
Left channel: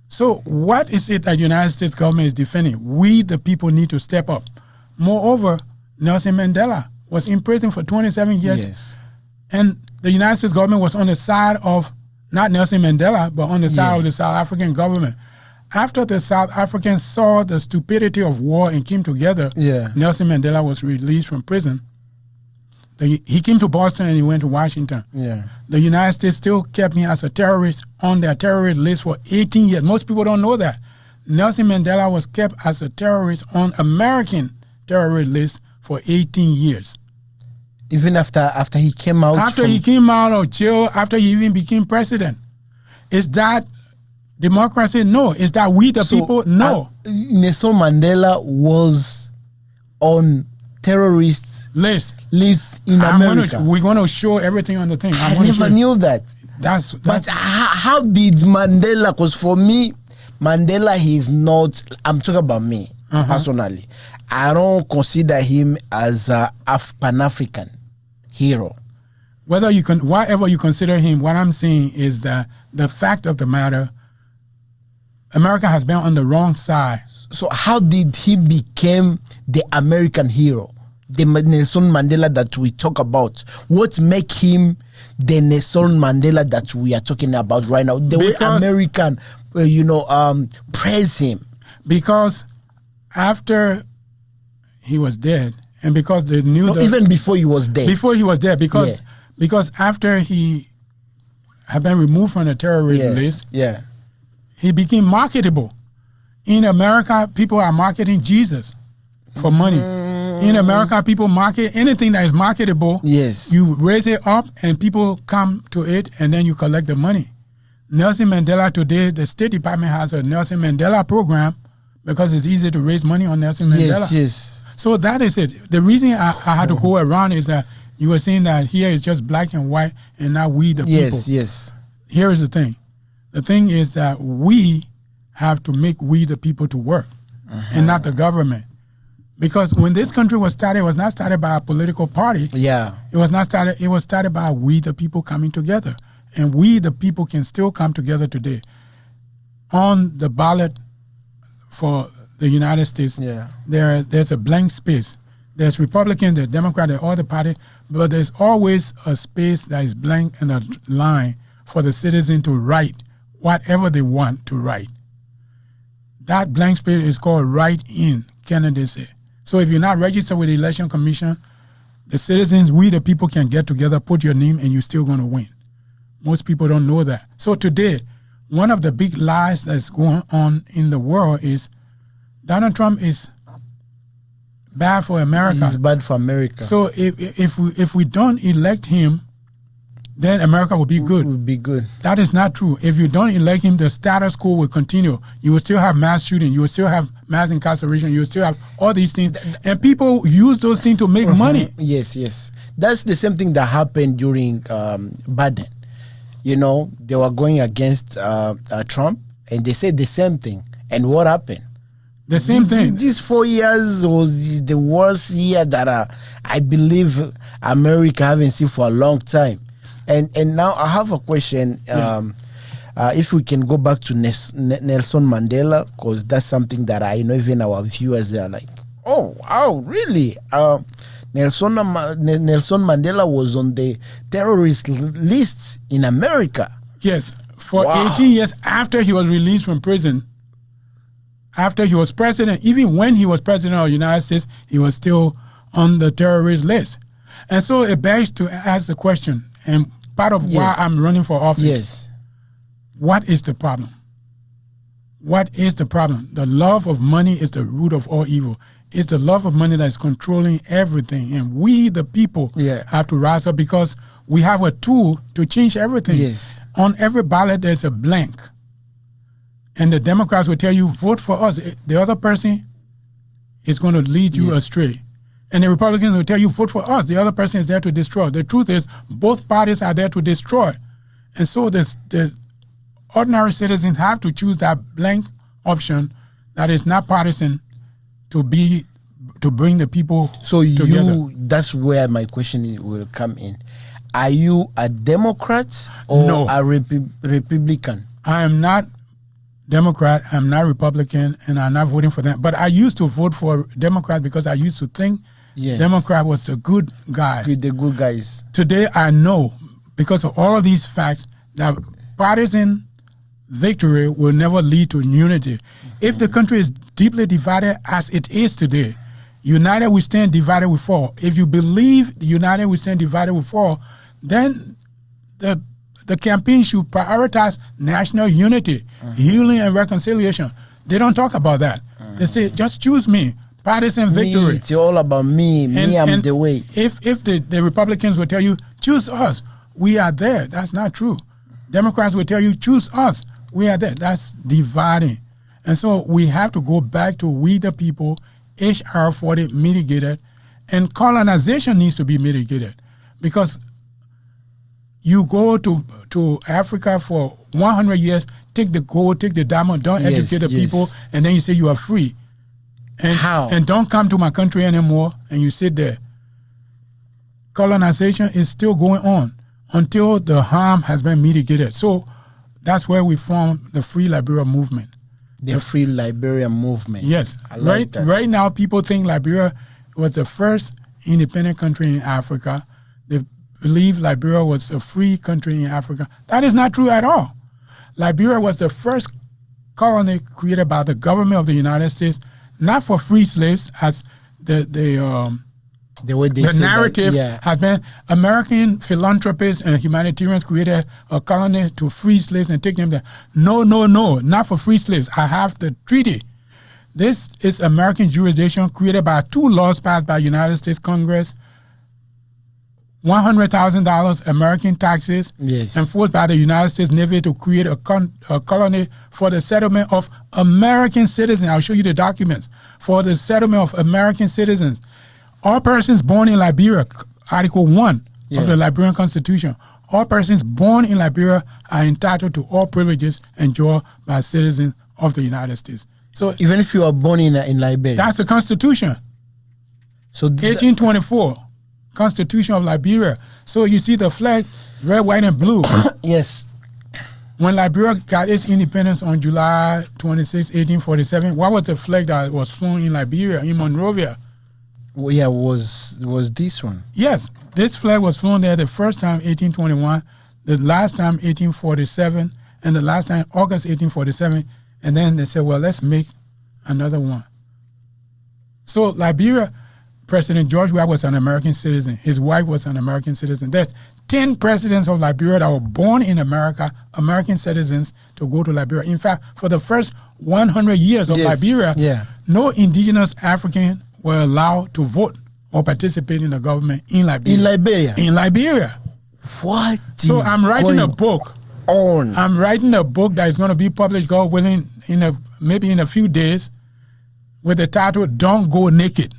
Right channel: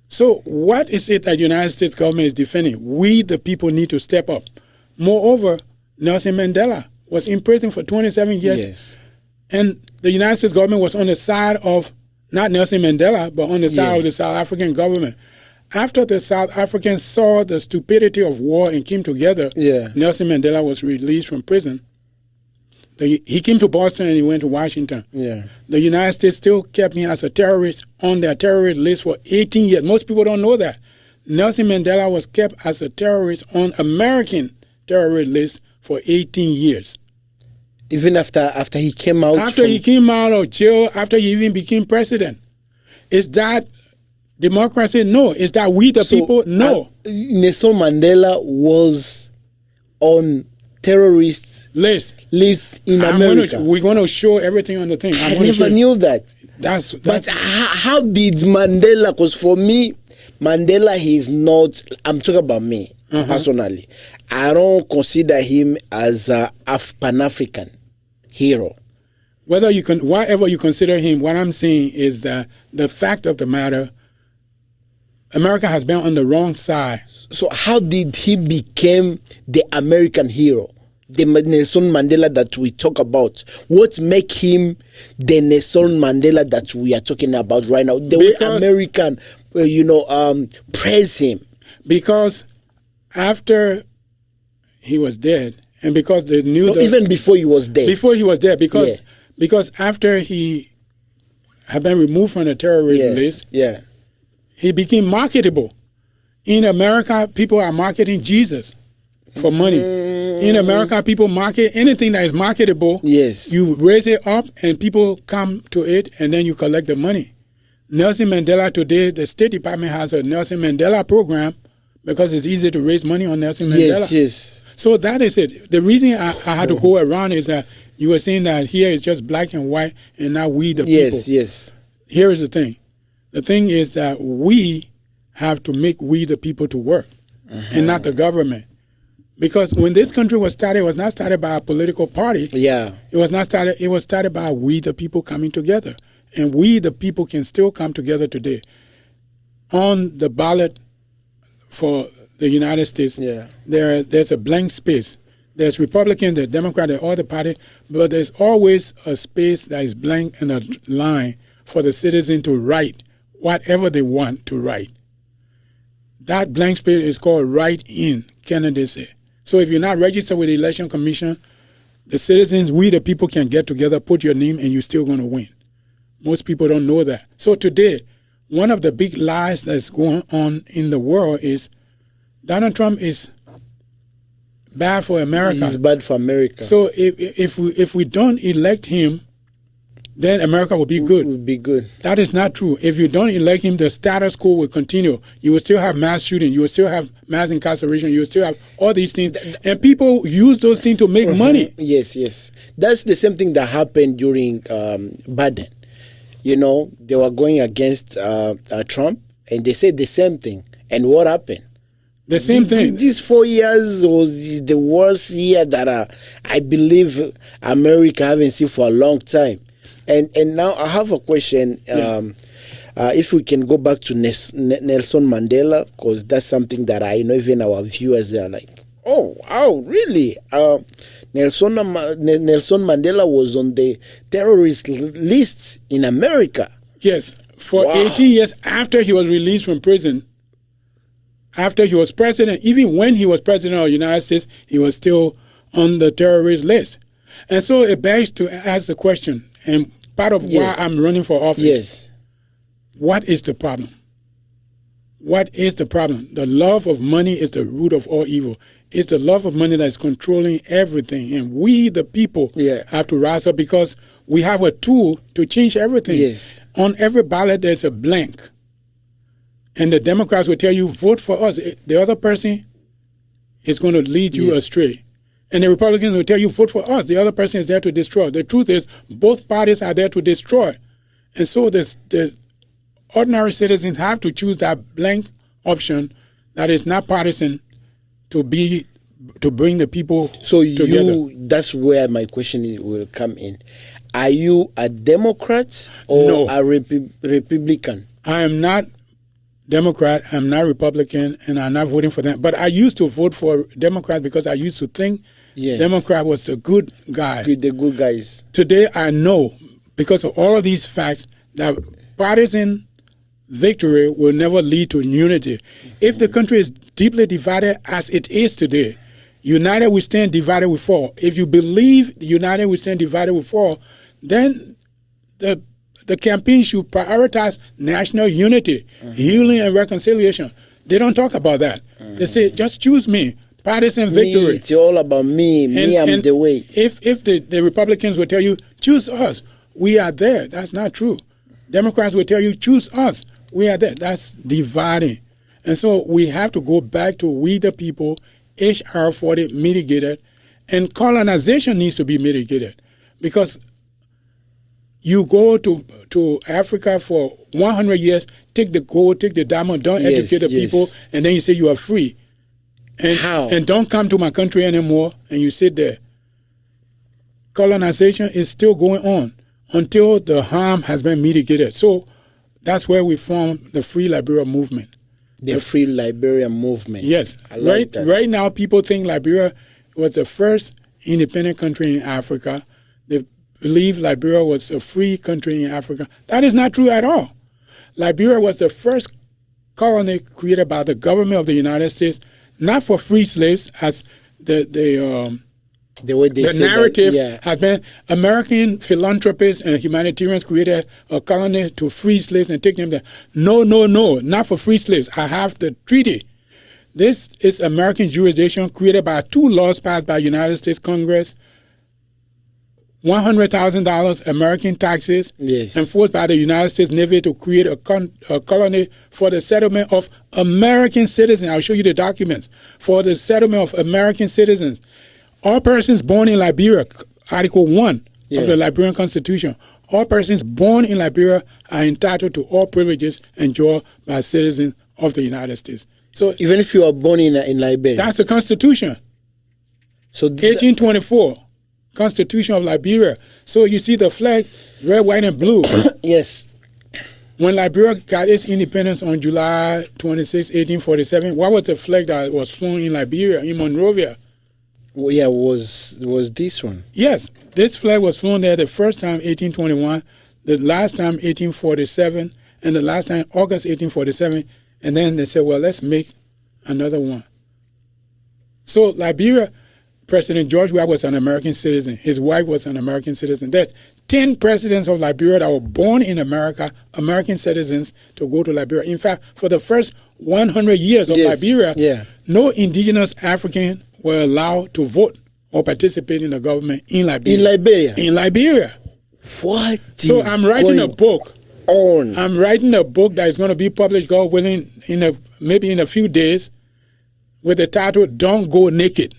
So what is it that the United States government is defending? We, the people, need to step up. Moreover, Nelson Mandela was in prison for 27 years. Yes. And the United States government was on the side of, not Nelson Mandela, but on the side of the South African government. After the South Africans saw the stupidity of war and came together, Nelson Mandela was released from prison. He came to Boston and he went to Washington. Yeah. The United States still kept him as a terrorist on their terrorist list for 18 years. Most people don't know that. Nelson Mandela was kept as a terrorist on American terrorist list for 18 years. Even after he came out? After he came out of jail, after he even became president. Is that democracy? No. Is that we the people? No. Nelson Mandela was on terrorist list in America. We're going to show everything on the thing. I never knew that. But how did Mandela, because for me, Mandela, he's not, I'm talking about me personally. I don't consider him as a Pan-African hero. Whatever you consider him, what I'm saying is that the fact of the matter, America has been on the wrong side. So how did he become the American hero? The Nelson Mandela that we talk about. What make him the Nelson Mandela that we are talking about right now? The way American, praise him. Because after he was dead, and because they knew even before he was dead. Before he was dead, because after he had been removed from the terrorist list, he became marketable. In America, people are marketing Jesus for money. In America, people market anything that is marketable. Yes. You raise it up and people come to it and then you collect the money. Nelson Mandela today, the State Department has a Nelson Mandela program because it's easy to raise money on Nelson Mandela. Yes. So that is it. The reason I had to go around is that you were saying that here is just black and white and not we the people. Yes. Here is the thing. The thing is that we have to make we the people to work and not the government. Because when this country was started, it was not started by a political party. Yeah. It was started by we the people coming together. And we the people can still come together today. On the ballot for the United States, there's a blank space. There's Republican, there's Democrat, there's all the party, but there's always a space that is blank and a line for the citizen to write whatever they want to write. That blank space is called write-in candidacy. So if you're not registered with the Election Commission, the citizens, we the people can get together, put your name, and you're still going to win. Most people don't know that. So today, one of the big lies that's going on in the world is Donald Trump is bad for America. He's bad for America. So if we don't elect him, then America will be good. Will be good. That is not true. If you don't elect him, the status quo will continue. You will still have mass shooting. You will still have mass incarceration. You will still have all these things. And people use those things to make money. Yes. That's the same thing that happened during Biden. They were going against Trump, and they said the same thing. And what happened? The same thing. These 4 years was the worst year that I believe America haven't seen for a long time. And now I have a question. If we can go back to Nelson Mandela, because that's something that I know even our viewers are like, oh, wow, really? Nelson Mandela was on the terrorist list in America. Yes, for 18 years after he was released from prison, after he was president, even when he was president of the United States, he was still on the terrorist list. And so it begs to ask the question, and part of why I'm running for office. Yes. What is the problem? What is the problem? The love of money is the root of all evil. It's the love of money that is controlling everything. And we, the people, have to rise up because we have a tool to change everything. Yes. On every ballot, there's a blank. And the Democrats will tell you, vote for us. The other person is going to lead you astray. And the Republicans will tell you, vote for us. The other person is there to destroy. The truth is, both parties are there to destroy. And so the ordinary citizens have to choose that blank option that is not partisan to bring the people together. That's where my question will come in. Are you a Democrat or a Republican? I am not Democrat, I'm not Republican, and I'm not voting for them. But I used to vote for Democrats because I used to think Democrat was the good guys. The good guys. Today I know, because of all of these facts, that partisan victory will never lead to unity. If the country is deeply divided as it is today, United we stand, divided we fall. If you believe united we stand, divided we fall, then the campaign should prioritize national unity, healing, and reconciliation. They don't talk about that. They say, just choose me, partisan victory. Me, it's all about me. I'm the way. If the Republicans will tell you, choose us, we are there. That's not true. Democrats will tell you, choose us, we are there. That's dividing. And so we have to go back to we the people, HR 40 mitigated, and colonization needs to be mitigated. Because you go to Africa for 100 years, take the gold, take the diamond, don't educate the people, and then you say you are free. And, How? And don't come to my country anymore, and you sit there. Colonization is still going on until the harm has been mitigated. So that's where we formed the Free Liberia movement. The Free Liberia movement. Yes. I like that. Right now, people think Liberia was the first independent country in Africa. They believe Liberia was a free country in Africa. That is not true at all. Liberia was the first colony created by the government of the United States, not for free slaves, as the way they the say narrative that, has been. American philanthropists and humanitarians created a colony to free slaves and take them there. No, not for free slaves. I have the treaty. This is American jurisdiction created by 2 laws passed by United States Congress. $100,000 American taxes enforced by the United States Navy to create a colony for the settlement of American citizens. I'll show you the documents. For the settlement of American citizens. All persons born in Liberia, Article 1 of the Liberian Constitution, all persons born in Liberia are entitled to all privileges enjoyed by citizens of the United States. So even if you are born in Liberia? That's the Constitution. So 1824. Constitution of Liberia. So you see the flag, red, white, and blue. Yes. When Liberia got its independence on July 26, 1847, what was the flag that was flown in Liberia, in Monrovia? Well, yeah, was this one? Yes, this flag was flown there the first time, 1821, the last time, 1847, and the last time, August 1847. And then they said, well, let's make another one. So Liberia, President George Weah was an American citizen. His wife was an American citizen. There's 10 presidents of Liberia that were born in America, American citizens, to go to Liberia. In fact, for the first 100 years of Liberia, no indigenous African were allowed to vote or participate in the government in Liberia. In Liberia? In Liberia. What? So I'm writing a book. I'm writing a book that is going to be published, God willing, maybe in a few days, with the title, Don't Go Naked.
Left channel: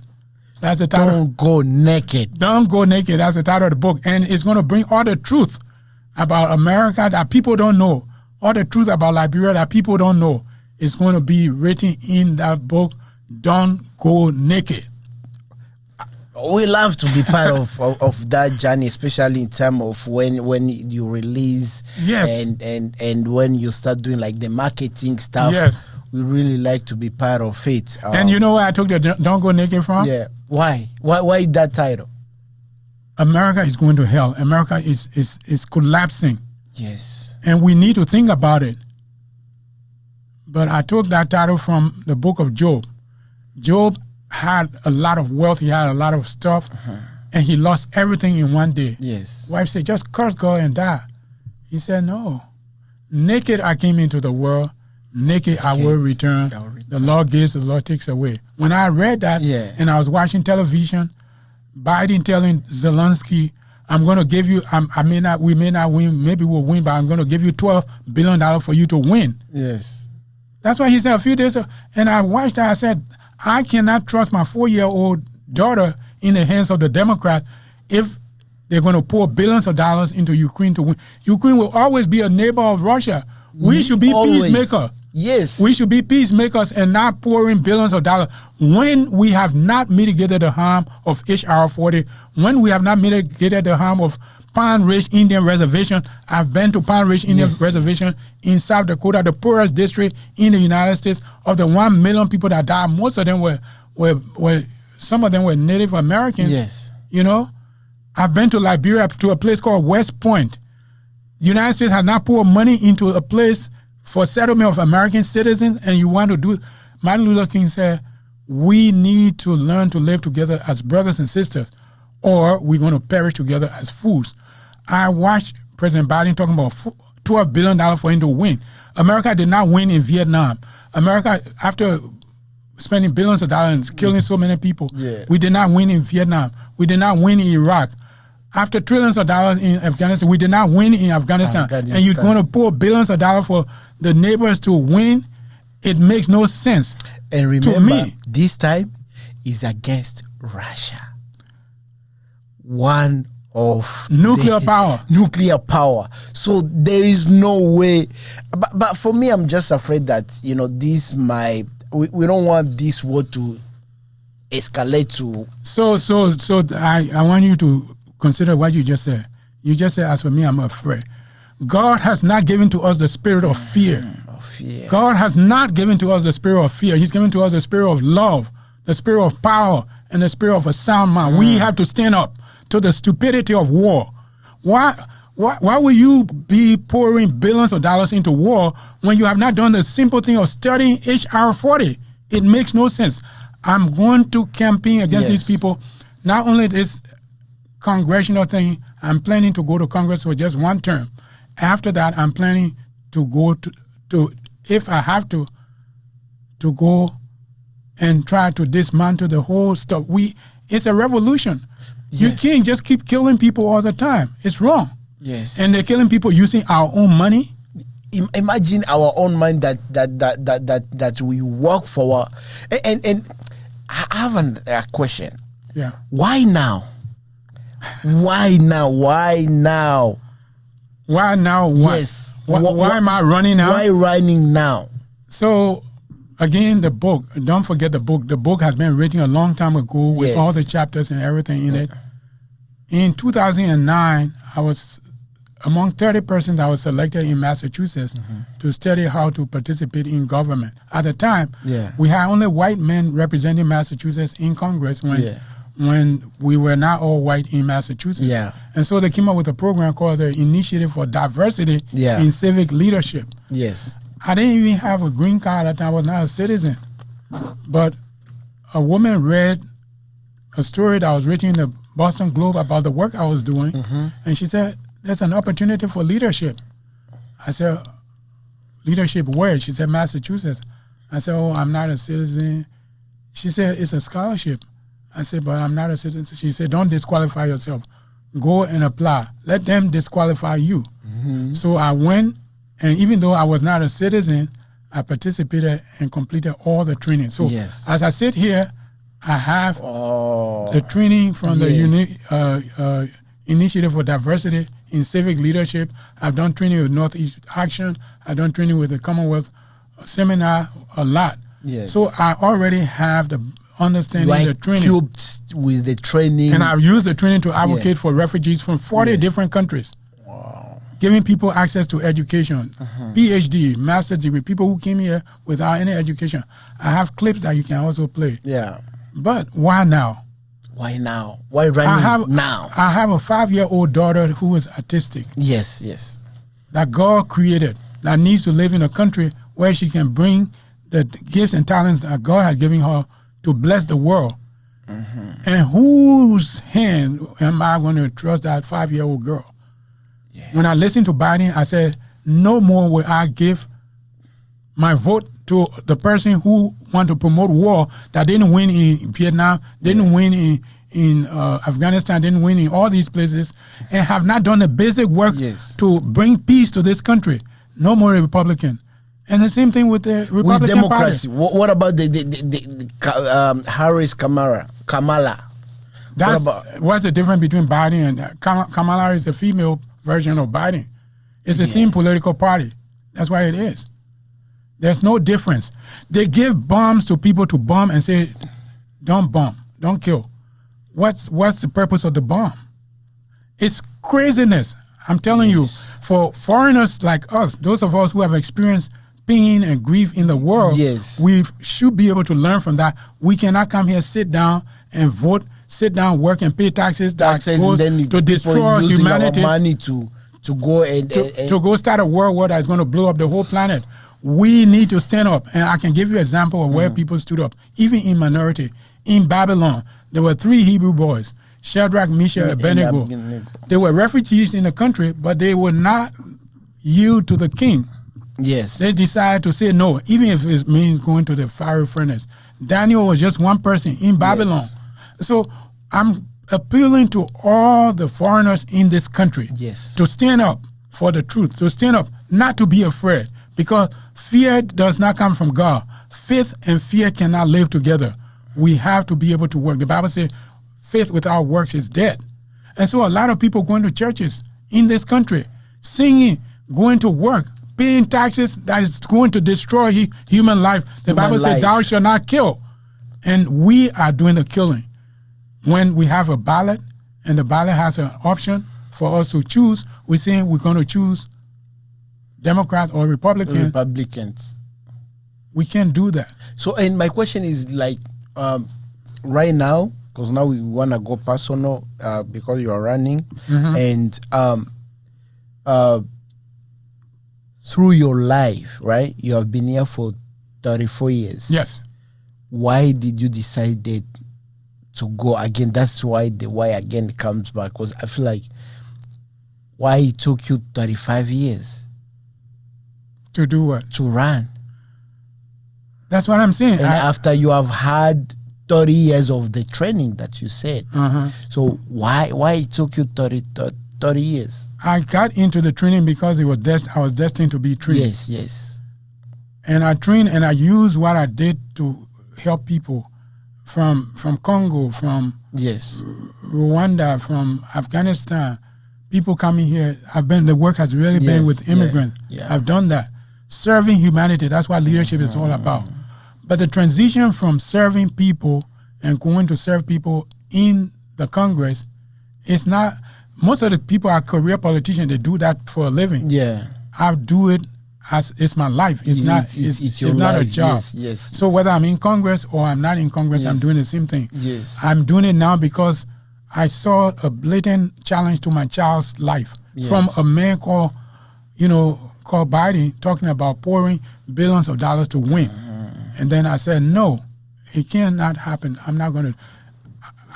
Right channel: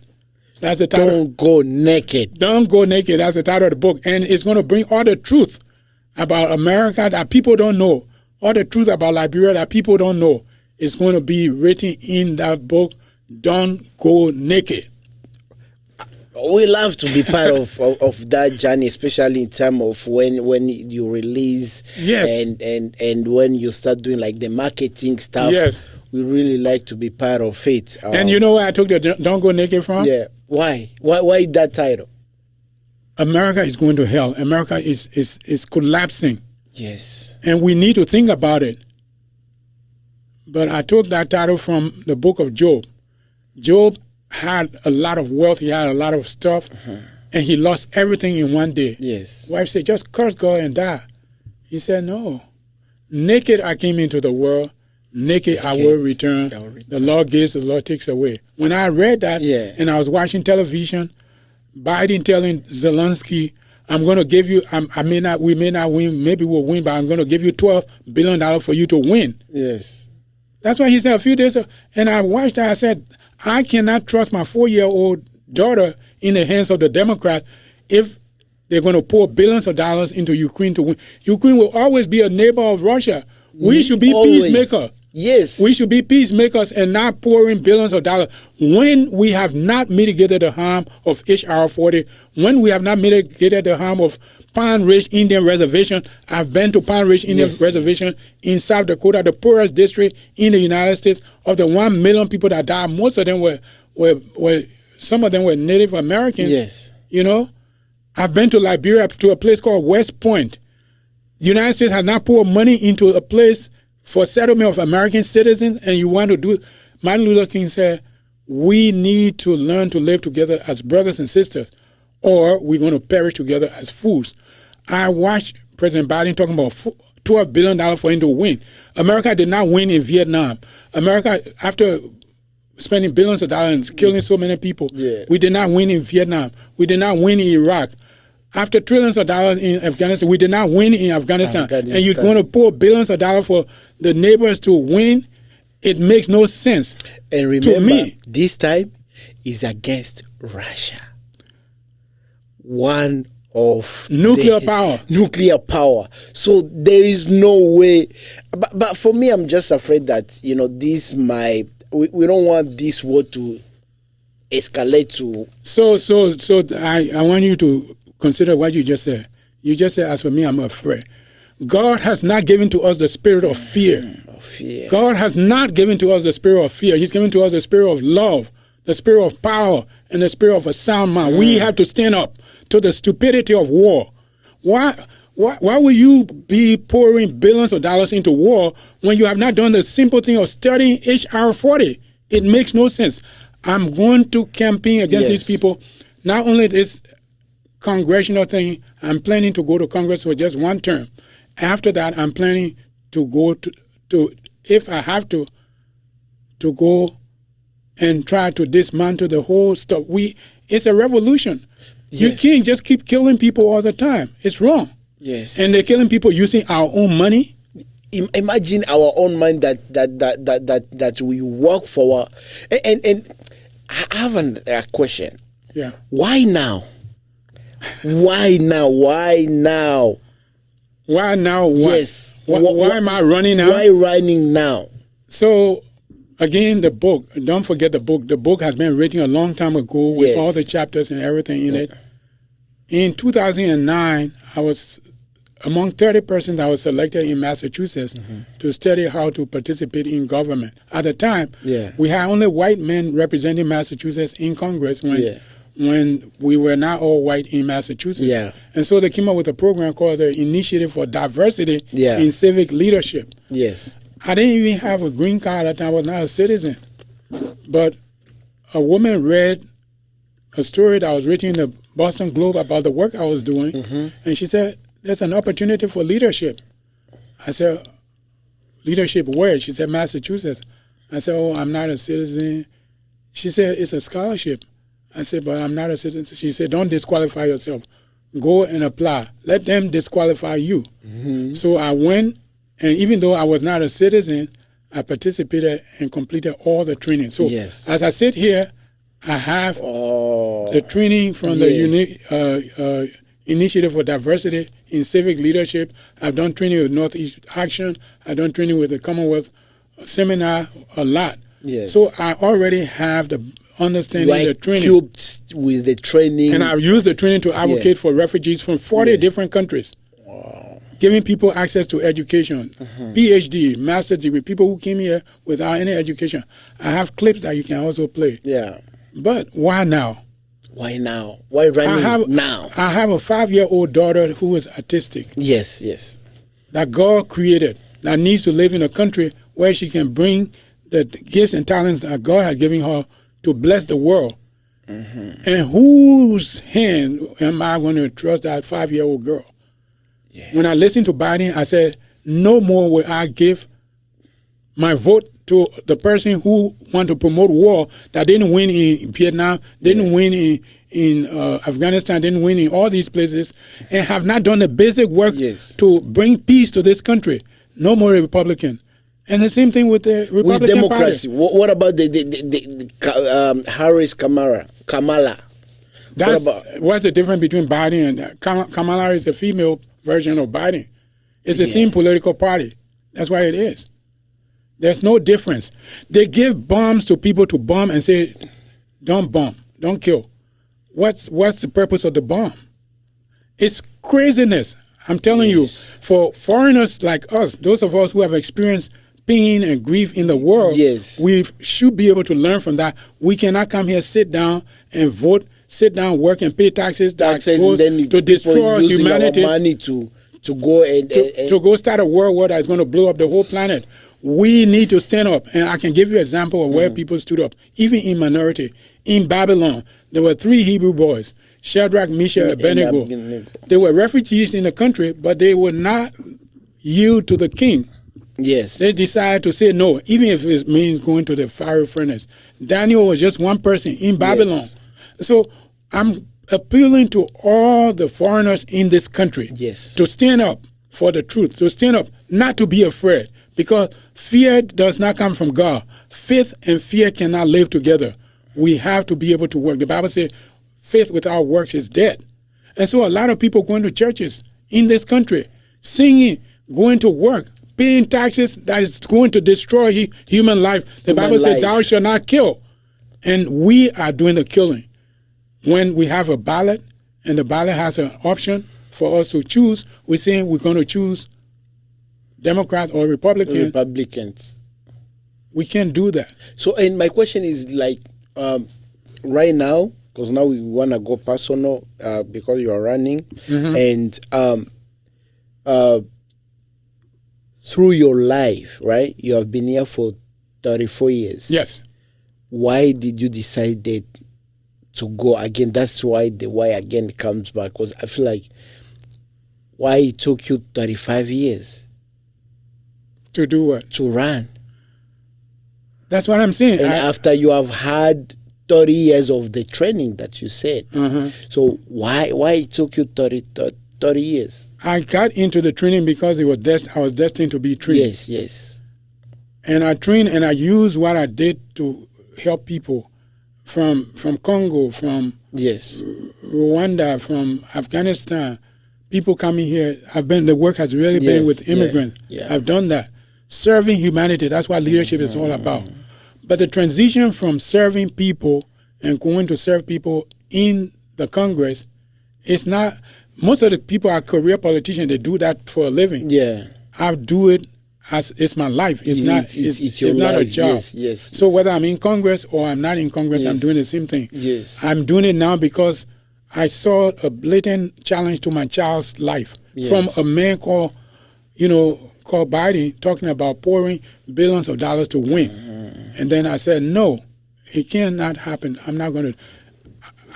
That's the title. Don't Go Naked. Don't Go Naked. That's the title of the book. And it's going to bring all the truth about America that people don't know. All the truth about Liberia that people don't know is going to be written in that book, Don't Go Naked. We love to be part of that journey, especially in terms of when you release and when you start doing like the marketing stuff. Yes. We really like to be part of it. And you know where I took the Don't Go Naked from? Yeah. Why? Why that title? America is going to hell. America is collapsing. Yes. And we need to think about it. But I took that title from the book of Job. Job had a lot of wealth. He had a lot of stuff. And he lost everything in one day. Yes. Wife said, just curse God and die. He said, no. Naked I came into the world. Naked I will return. The Lord gives, the Lord takes away. When I read that and I was watching television, Biden telling Zelensky, I'm going to give you, we may not win, maybe we'll win, but I'm going to give you $12 billion for you to win. Yes. That's what he said a few days ago. And I watched that. I said, I cannot trust my 4-year-old daughter in the hands of the Democrats if they're going to pour billions of dollars into Ukraine to win. Ukraine will always be a neighbor of Russia. We should be peacemakers. Yes. We should be peacemakers and not pouring billions of dollars. When we have not mitigated the harm of HR 40, when we have not mitigated the harm of Pine Ridge Indian Reservation. I've been to Pine Ridge Indian Reservation in South Dakota, the poorest district in the United States. Of the 1 million people that died, most of them were some of them were Native Americans. Yes. You know? I've been to Liberia, to a place called West Point. The United States has not poured money into a place for settlement of American citizens, and you want to do it. Martin Luther King said, we need to learn to live together as brothers and sisters, or we're going to perish together as fools. I watched President Biden talking about $12 billion for him to win. America did not win in Vietnam. America, after spending billions of dollars and killing so many people, we did not win in Vietnam. We did not win in Iraq. After trillions of dollars in Afghanistan, we did not win in Afghanistan. And you're going to pour billions of dollars for the neighbors to win? It makes no sense. And remember, to me, this time is against Russia. One of nuclear power. Nuclear power. So there is no way. But for me, I'm just afraid that, this might, we don't want this war to escalate to. So I want you to consider what you just said. You just said, as for me, I'm afraid. God has not given to us the spirit of fear. God has not given to us the spirit of fear. He's given to us the spirit of love, the spirit of power, and the spirit of a sound mind. We have to stand up to the stupidity of war. Why will you be pouring billions of dollars into war when you have not done the simple thing of studying H.R. 40? It makes no sense. I'm going to campaign against these people. Not only this congressional thing, I'm planning to go to Congress for just one term. After that, I'm planning to go to if I have to go and try to dismantle the whole stuff. It's a revolution. You can't just keep killing people all the time. It's wrong. Yes. And they're killing people using our own money. Imagine our own money that we work for. And I have a question. Yeah. Why now? Why now? Why now? Why now? What? Yes. Why am I running now? Why running now? So, again, the book. Don't forget the book. The book has been written a long time ago with all the chapters and everything in it. In 2009, I was among 30 persons I was selected in Massachusetts to study how to participate in government. At the time, we had only white men representing Massachusetts in Congress when we were not all white in Massachusetts. And so they came up with a program called the Initiative for Diversity in Civic Leadership. Yes. I didn't even have a green card at the time. I was not a citizen. But a woman read a story that was written in the Boston Globe about the work I was doing, and she said, there's an opportunity for leadership. I said, leadership where? She said, Massachusetts. I said, oh, I'm not a citizen. She said, it's a scholarship. I said, but I'm not a citizen. She said, don't disqualify yourself. Go and apply. Let them disqualify you. So I went, and even though I was not a citizen, I participated and completed all the training. So as I sit here, I have the training from the Initiative for Diversity in Civic Leadership. I've done training with Northeast Action. I've done training with the Commonwealth Seminar, a lot. So I already have the understanding, the training. Equipped with the training. And I've used the training to advocate for refugees from 40 different countries. Giving people access to education, PhD, master's degree, people who came here without any education. I have clips that you can also play. But why now? Why now? Why running now? I have a 5-year-old daughter who is autistic. Yes. That God created, that needs to live in a country where she can bring the gifts and talents that God has given her to bless the world. And whose hand am I going to trust that 5-year-old girl? When I listened to Biden, I said, no more will I give my vote to the person who want to promote war that didn't win in Vietnam, didn't win in Afghanistan, didn't win in all these places, and have not done the basic work to bring peace to this country. No more Republican. And the same thing with the Republican with democracy. Party. What about the Harris Kamala? What's the difference between Biden and Kamala? Is a female version of Biden. It's the same political party. That's why it is. There's no difference. They give bombs to people to bomb and say, don't bomb, don't kill. What's the purpose of the bomb? It's craziness. I'm telling you, for foreigners like us, those of us who have experienced pain and grief in the world, we should be able to learn from that. We cannot come here, sit down and vote, sit down, work and pay taxes that goes and then to destroy humanity. Our money to go and to go start a world war that is going to blow up the whole planet. we need to stand up. And I can give you an example of where people stood up, even in minority. In Babylon, there were 3 Hebrew boys, Shadrach, Meshach, and Abednego. They were refugees in the country, but they would not yield to the king. Yes. They decided to say no, even if it means going to the fiery furnace. Daniel was just one person in Babylon. Yes. So I'm appealing to all the foreigners in this country to stand up for the truth, to stand up, not to be afraid, because fear does not come from God. Faith and fear cannot live together. We have to be able to work. The Bible says faith without works is dead. And so a lot of people going to churches in this country, singing, going to work, paying taxes that is going to destroy human life. The Bible says, thou shalt not kill. And we are doing the killing. When we have a ballot, and the ballot has an option for us to choose, we're saying we're going to choose Democrats or Republicans. We can't do that. So, and my question is like, right now, because now we want to go personal because you are running, and through your life, right? You have been here for 34 years. Yes. Why did you decide to go again? That's why the why again comes back. Because I feel like why it took you 35 years to do what? To run. That's what I'm saying. And after you have had 30 years of the training that you said, so why it took you 30 years? I got into the training because I was destined to be trained. Yes. And I trained and I used what I did to help people from Congo, from Rwanda, from Afghanistan. People coming here. The work has really been with immigrants. I've done that. Serving humanity, that's what leadership is all about. But the transition from serving people and going to serve people in the Congress, it's not. Most of the people are career politicians. They do that for a living. Yeah, I do it as it's my life. It's not. It's not a job. Yes. So whether I'm in Congress or I'm not in Congress, I'm doing the same thing. Yes. I'm doing it now because I saw a blatant challenge to my child's life from a man called Biden talking about pouring billions of dollars to win, and then I said no, it cannot happen. I'm not going to.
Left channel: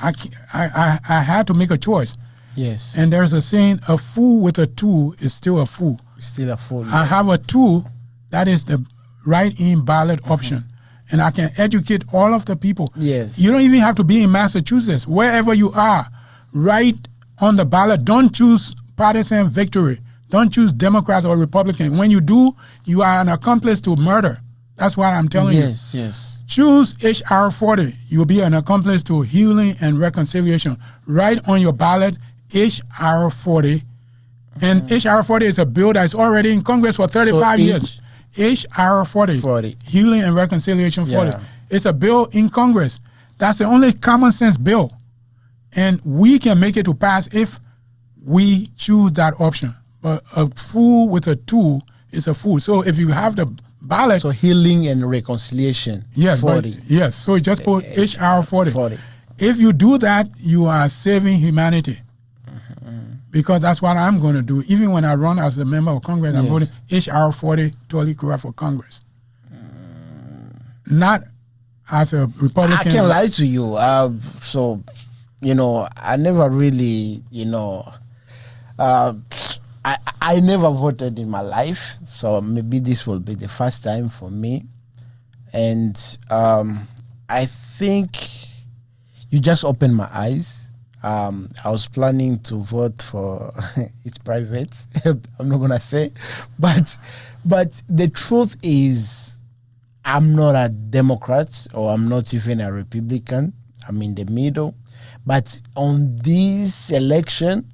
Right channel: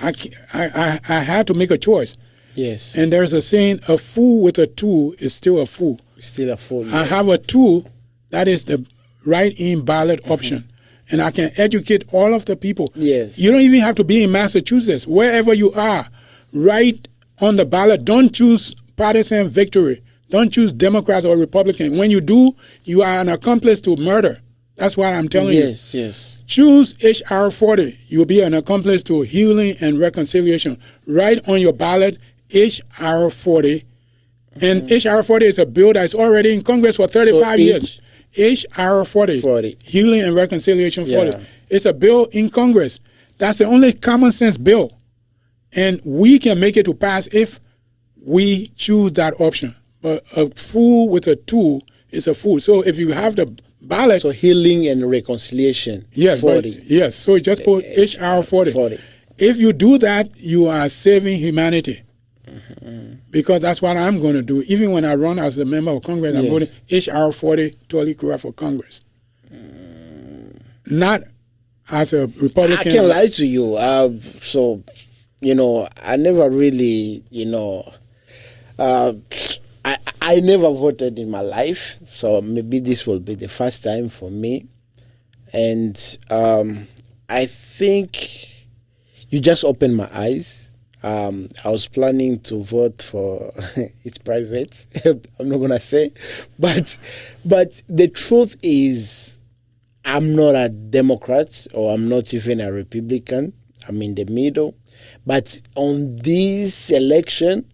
I had to make a choice. Yes. And there's a saying, a fool with a tool is still a fool. Still a fool. I have a tool that is the write-in ballot option. And I can educate all of the people. Yes. You don't even have to be in Massachusetts. Wherever you are, write on the ballot. Don't choose partisan victory. Don't choose Democrats or Republicans. When you do, you are an accomplice to murder. That's what I'm telling you. Yes. Choose HR 40. You'll be an accomplice to healing and reconciliation. Write on your ballot HR 40. And HR 40 is a bill that's already in Congress for 35 years. HR 40. Healing and Reconciliation 40. Yeah. It's a bill in Congress. That's the only common sense bill. And we can make it to pass if we choose that option. But a fool with a tool is a fool. So if you have the ballot. So healing and reconciliation. Yes. 40. Yes. So just put HR 40. If you do that, you are saving humanity. Because that's what I'm going to do. Even when I run as a member of Congress, I'm voting HR 40, Torli Krue for Congress. Not as a Republican. I can't lie to you. So, I never really, I never voted in my life. So maybe this will be the first time for me. And I think you just opened my eyes. I was planning to vote for it's private. I'm not gonna say, but the truth is, I'm not a Democrat or I'm not even a Republican. I'm in the middle. But on this election,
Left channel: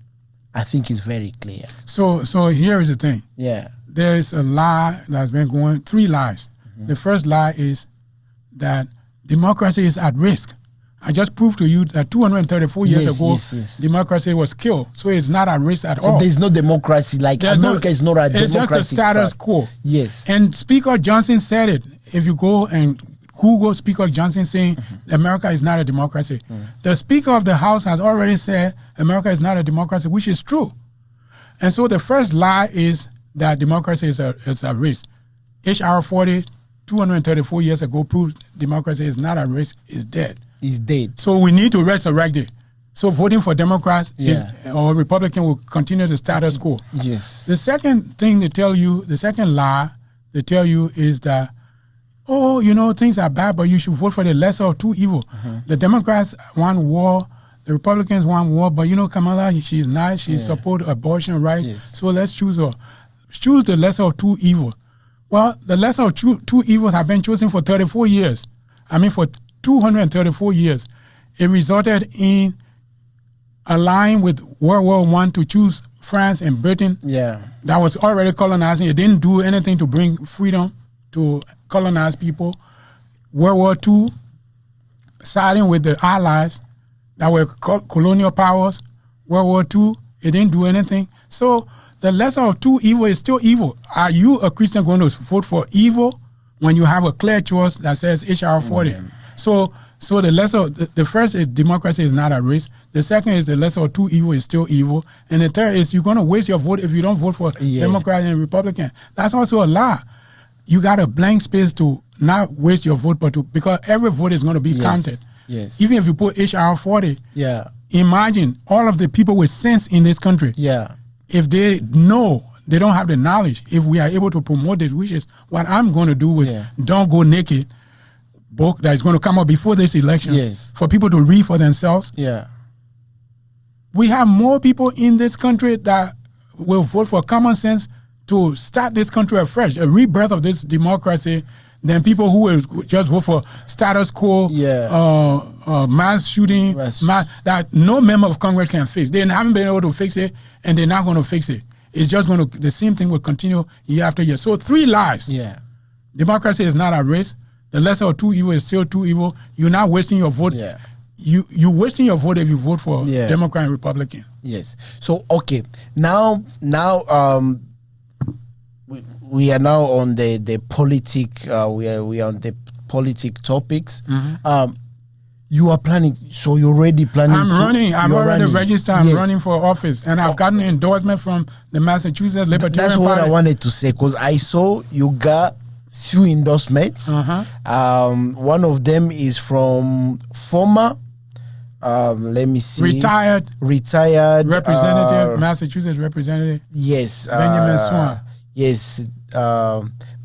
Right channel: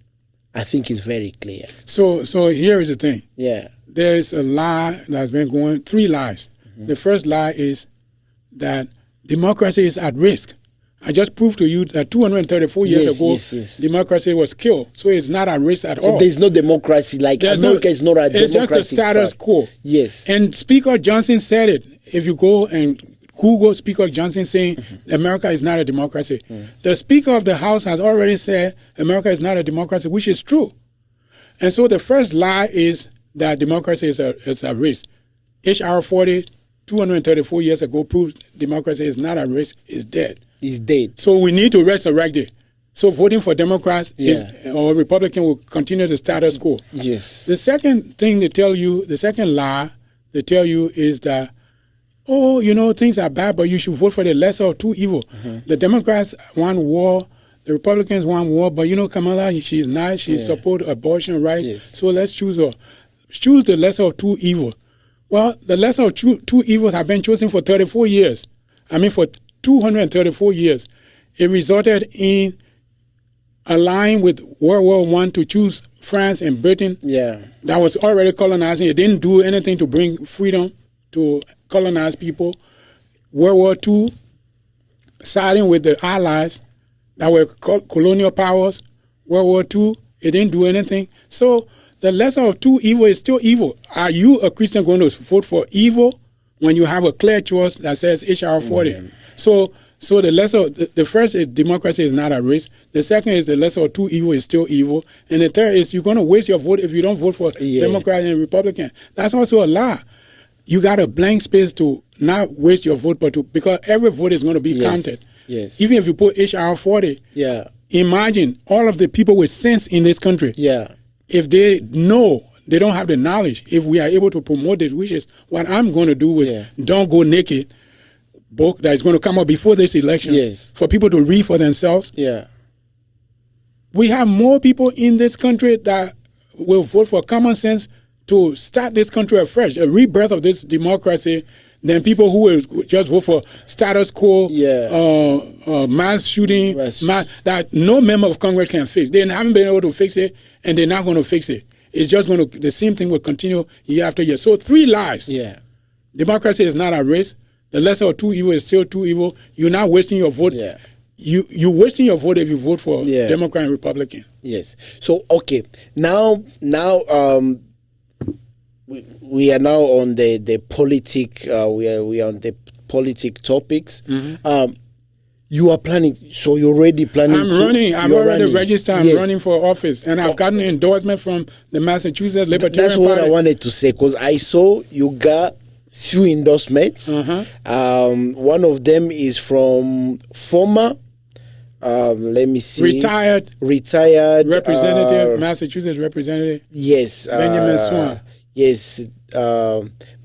I think it's very clear. So here is the thing. Yeah, there is a lie that's been going. 3 lies. The first lie is that democracy is at risk. I just proved to you that 234 years ago, democracy was killed. So it's not at risk at all. So there's no democracy. Like America is not a democracy. It's just the status quo. Yes. And Speaker Johnson said it. If you go and Google Speaker Johnson saying America is not a democracy. The Speaker of the House has already said America is not a democracy, which is true. And so the first lie is that democracy is at risk. H.R. 40, 234 years ago, proved democracy is not at risk, is dead. It's dead. So we need to resurrect it. So voting for Democrats or Republican will continue the status quo. Yes. The second thing they tell you, the second lie they tell you is that, things are bad, but you should vote for the lesser of two evil. The Democrats want war, the Republicans want war, but Kamala, she's nice, she supports abortion rights, so let's choose her. Choose the lesser of two evil. Well, the lesser of two evils have been chosen for 34 years. For 234 years. It resulted in allying with World War I to choose France and Britain. Yeah. That was already colonizing. It didn't do anything to bring freedom to colonize people. World War II, siding with the Allies that were colonial powers. World War II, it didn't do anything. So the lesser of two evil is still evil. Are you, a Christian, going to vote for evil when you have a clear choice that says H.R. 40? So the lesser, the first is democracy is not at risk. The second is the lesser of two evil is still evil. And the third is you're going to waste your vote if you don't vote for Democrat and Republican. That's also a lie. You got a blank space to not waste your vote, because every vote is going to be counted. Yes. Even if you put H.R. 40, imagine all of the people with sense in this country. Yeah. If they know, they don't have the knowledge, if we are able to promote these wishes, what I'm going to do with Don't Go Naked book that is going to come up before this election for people to read for themselves. Yeah. We have more people in this country that will vote for common sense to start this country afresh, a rebirth of this democracy, than people who will just vote for status quo, mass shooting, that no member of Congress can fix. They haven't been able to fix it, and they're not going to fix it. It's just going to, the same thing will continue year after year. So 3 lies. Yeah. Democracy is not at risk. The lesser of two evil is still two evil. You're not wasting your vote. Yeah. You're wasting your vote if you vote for Democrat and Republican. Yes. So okay, now we are now on the politic. We are on the politic topics. You are planning. So you're already planning. I'm running. I'm already registered. I'm running for office, and I've gotten endorsement from the Massachusetts Libertarian That's what Party. I wanted to say, because I saw you got few endorsements. One of them is from former, let me see, retired representative, Massachusetts representative. Yes, Benjamin Swan. Yes,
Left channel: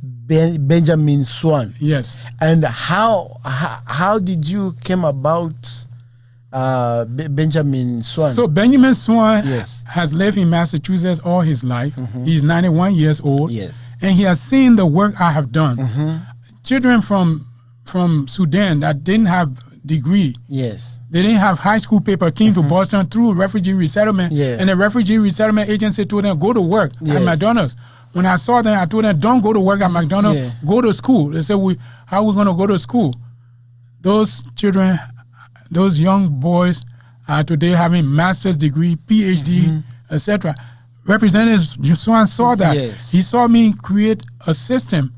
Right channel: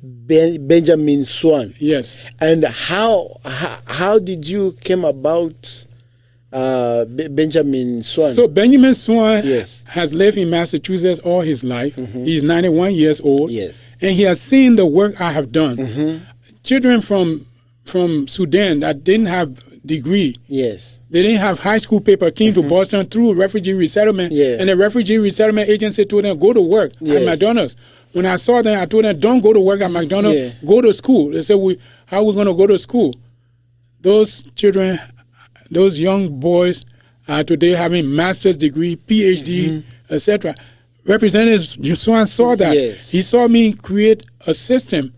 Benjamin Swan. Yes. And how did you came about Benjamin Swan? So Benjamin Swan has lived in Massachusetts all his life. He's 91 years old. Yes. And he has seen the work I have done. Children from Sudan that didn't have degree. Yes. They didn't have high school paper, came to Boston through refugee resettlement. And the refugee resettlement agency told them, go to work at McDonald's. When I saw them, I told them, don't go to work at McDonald's, go to school. They said, how are we going to go to school? Those children, those young boys are today having master's degree, PhD, etc. Representative Swan saw that. He saw me create a system.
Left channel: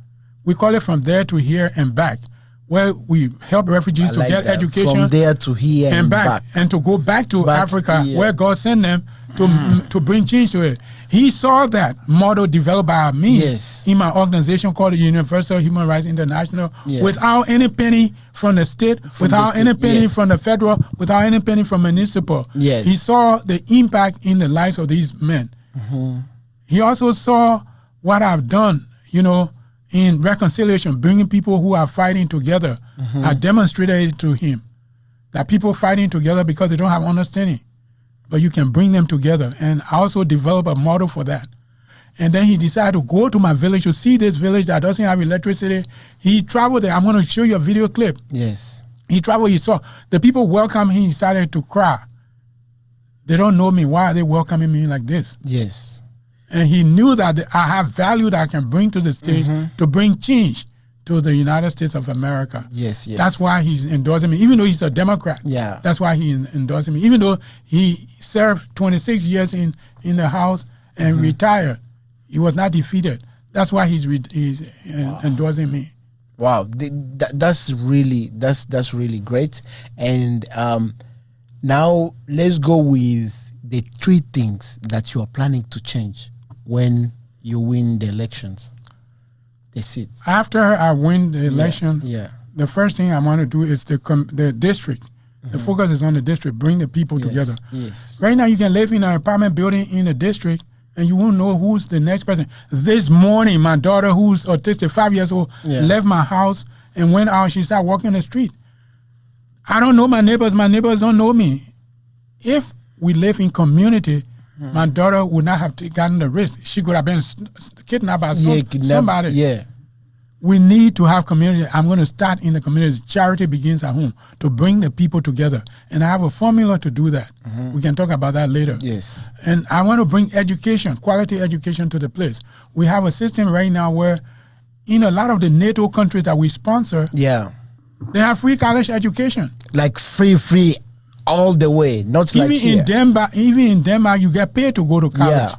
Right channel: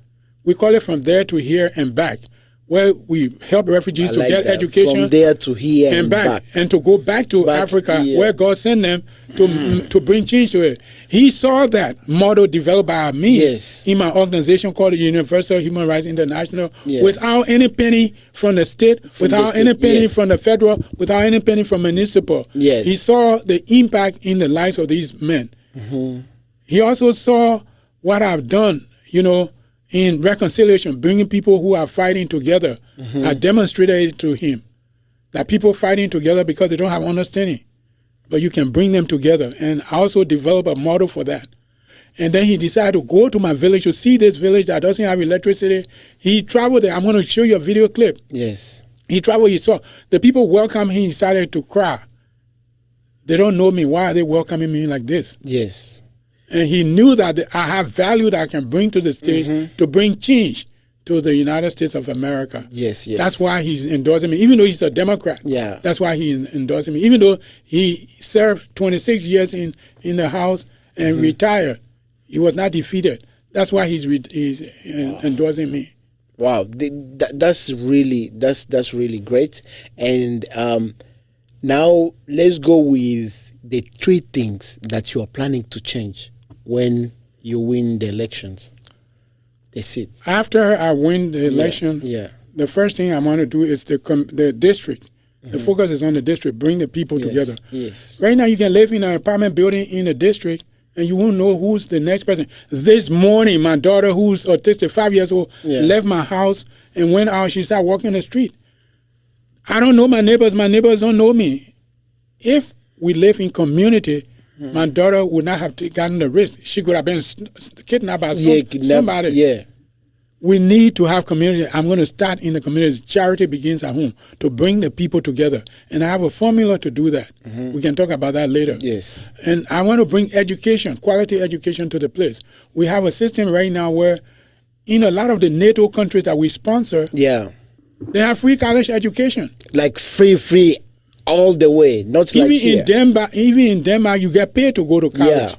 We call it From There to Here and Back, where we help refugees to get education. From there to here and back. And to go back to Africa, where God sent them to bring change to it. He saw that model developed by me in my organization called the Universal Human Rights International, without any penny from the state, without any penny from the federal, without any penny from municipal. He saw the impact in the lives of these men. He also saw what I've done, in reconciliation, bringing people who are fighting together. I demonstrated it to him, that people fighting together because they don't have understanding, but you can bring them together. And I also developed a model for that. And then he decided to go to my village to see this village that doesn't have electricity. He traveled there. I'm going to show you a video clip. Yes. He traveled, he saw the people welcome him, he started to cry. They don't know me. Why are they welcoming me like this? Yes. And he knew that I have value that I can bring to the stage to bring change to the United States of America. Yes. That's why he's endorsing me, even though he's a Democrat. That's why he's endorsing me, even though he served 26 years in the House and retired. He was not defeated. That's why he's endorsing me. Wow, that's really great. And now let's go with the 3 things that you are planning to change when you win the elections. the seat. After I win the election, Yeah. the first thing I want to do is the district. The focus is on the district, bring the people Yes, together. yes. Right now, you can live in an apartment building in the district, and you won't know who's the next person. This morning, my daughter, who's autistic, 5 years old, left my house and went out. She started walking the street. I don't know my neighbors. My neighbors don't know me. If we live in community, my daughter would not have gotten the risk. She could have been kidnapped by somebody. Yeah. We need to have community. I'm going to start in the community. Charity begins at home to bring the people together. And I have a formula to do that. We can talk about that later. Yes. And I want to bring education, quality education to the place. We have a system right now where in a lot of the NATO countries that we sponsor, they have free college education. Like free all the way. Not even like here. Even in Denmark, you get paid to go to college. Yeah.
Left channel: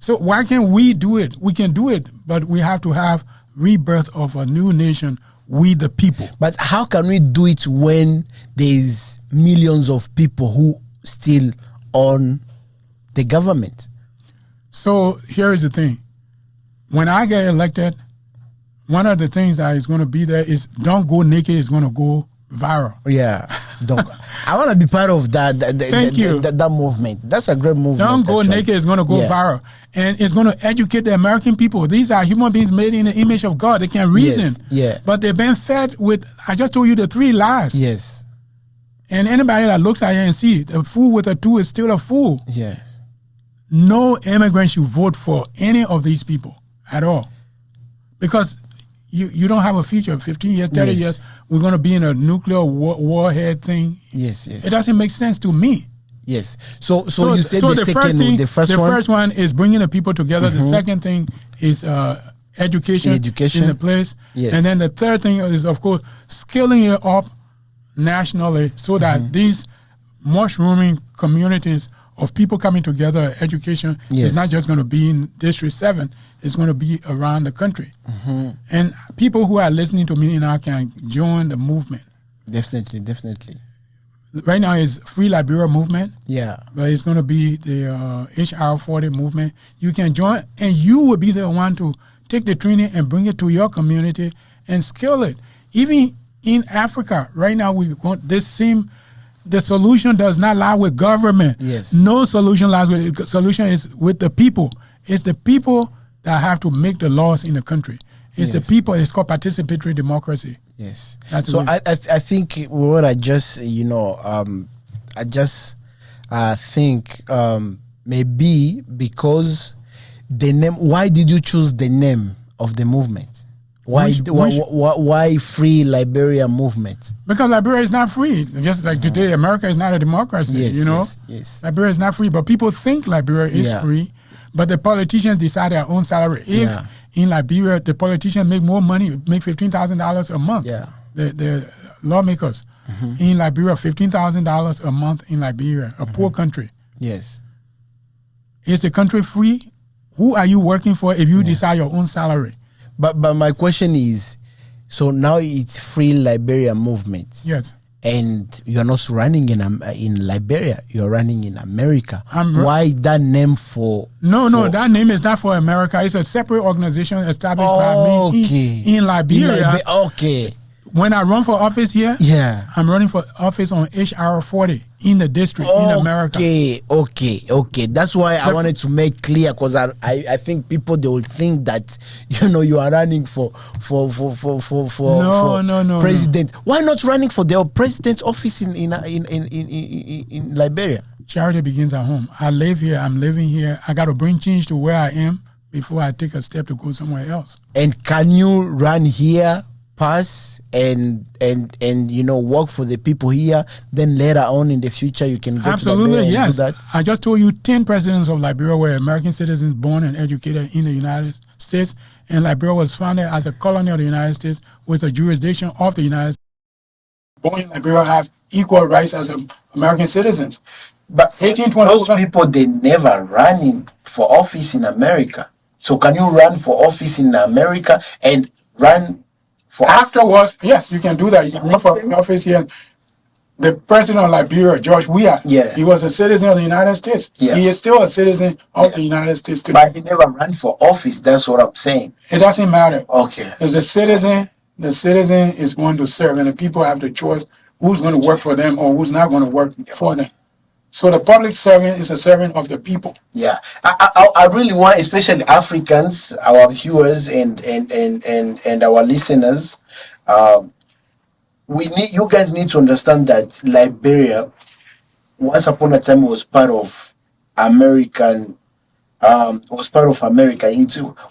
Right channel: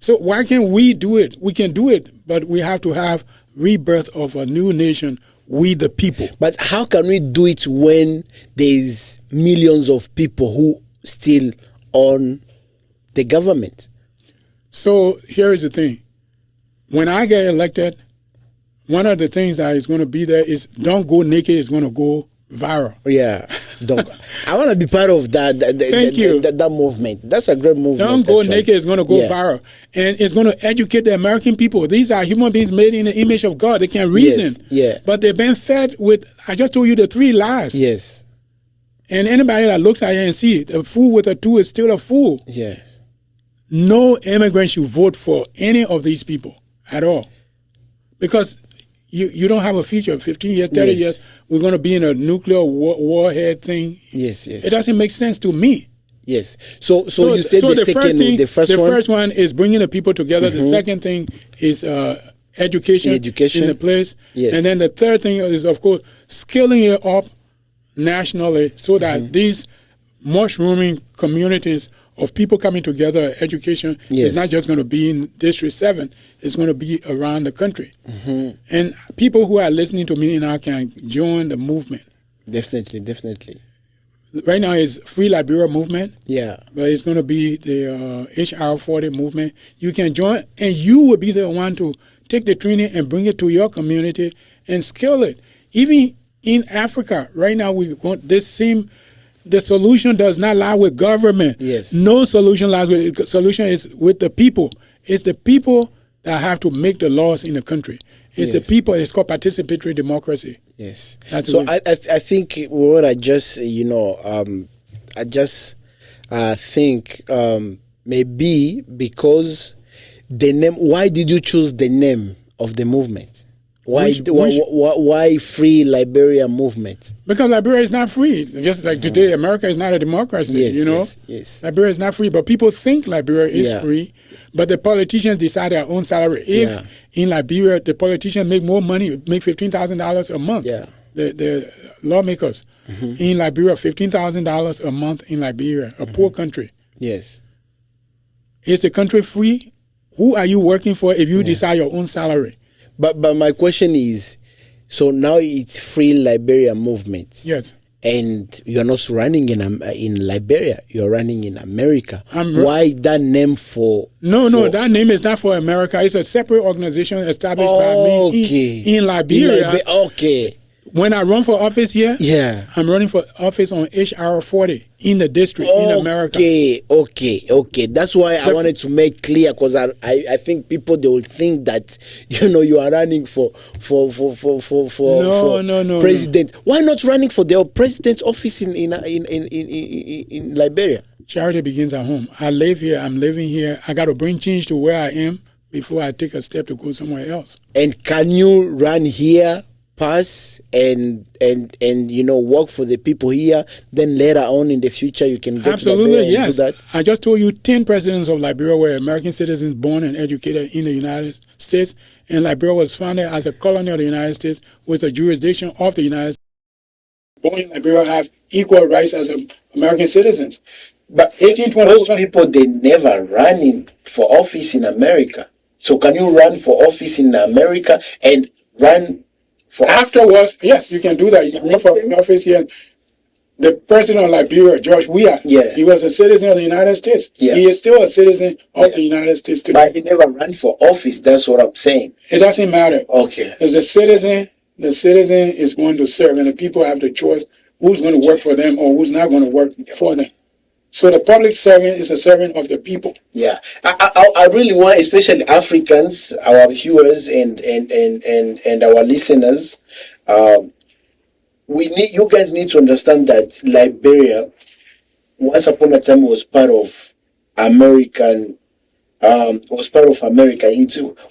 So why can't we do it? We can do it, but we have to have rebirth of a new nation, we the people. But how can we do it when there's millions of people who still own the government? So here is the thing. When I get elected, one of the things that is going to be there is don't go naked is going to go viral. Yeah. I want to be part of that. Thank you. That movement. That's a great movement. Don't go actually. naked is going to go viral. And it's going to educate the American people. These are human beings made in the image of God. They can reason. Yes. Yeah. But they've been fed with, I just told you the 3 lies. Yes. And anybody that looks at it and see it, a fool with a 2 is still a fool. Yeah. No immigrant should vote for any of these people at all. Because you don't have a future. 15 years, 30 years, we're going to be in a nuclear warhead thing. Yes. It doesn't make sense to me. Yes. So you said the first one is bringing the people together. The second thing is education in the place. Yes. And then the third thing is, of course, skilling it up nationally so that these mushrooming communities of people coming together, education is not just going to be in District 7, it's going to be around the country. And people who are listening to me now can join the movement. Definitely. Right now it's Free Liberia movement. Yeah. But it's going to be the HR 40 movement. You can join, and you will be the one to take the training and bring it to your community and skill it. Even in Africa, right now we want this same. The solution does not lie with government. Yes. No solution lies with. The solution is with the people. It's the people that have to make the laws in the country. It's the people. It's called participatory democracy. Yes. That's so I think what I just think maybe because the name. Why did you choose the name of the movement? Why Free Liberia movement? Because Liberia is not free. Just like today, America is not a democracy. Yes. Liberia is not free, but people think Liberia is free. But the politicians decide their own salary. If in Liberia the politicians make more money, make $15,000 a month. The lawmakers in Liberia, $15,000 a month in Liberia, a poor country. Yes. Is the country free? Who are you working for if you decide your own salary? But my question is, so now it's Free Liberia movement. Yes. And you're not running in Liberia, you're running in America. Why that name for... No, that name is not for America. It's a separate organization established by me in Liberia. Okay. When I run for office here, I'm running for office on HR 40 in the district in America. Okay. That's why I wanted to make clear, because I think people, they will think that you are running for president. Why not running for the president's office in Liberia? Charity begins at home. I live here. I'm living here. I got to bring change to where I am before I take a step to go somewhere else. And can you run here, pass and work for the people here, then later on in the future you can go absolutely to Liberia and do that? I just told you 10 presidents of Liberia were American citizens born and educated in the United States, and Liberia was founded as a colony of the United States with a jurisdiction of the United States. Born in Liberia have equal rights as American citizens. But 1820, those people, they never ran for office in America. So can you run for office in America and run for afterwards? Yes, you can do that. You can run for office here. The president of Liberia, George Weah, Yeah. he was a citizen of the United States. Yeah. He is still a citizen of the United States today. But he never ran for office. That's what I'm saying. It doesn't matter. Okay. As a citizen, the citizen is going to serve, and the people have the choice who's going to work for them or who's not going to work for them. So the public servant is a servant of the people. Yeah, I really want, especially Africans, our viewers and our listeners, you guys need to understand that Liberia, once upon a time, was part of American. Was part of America.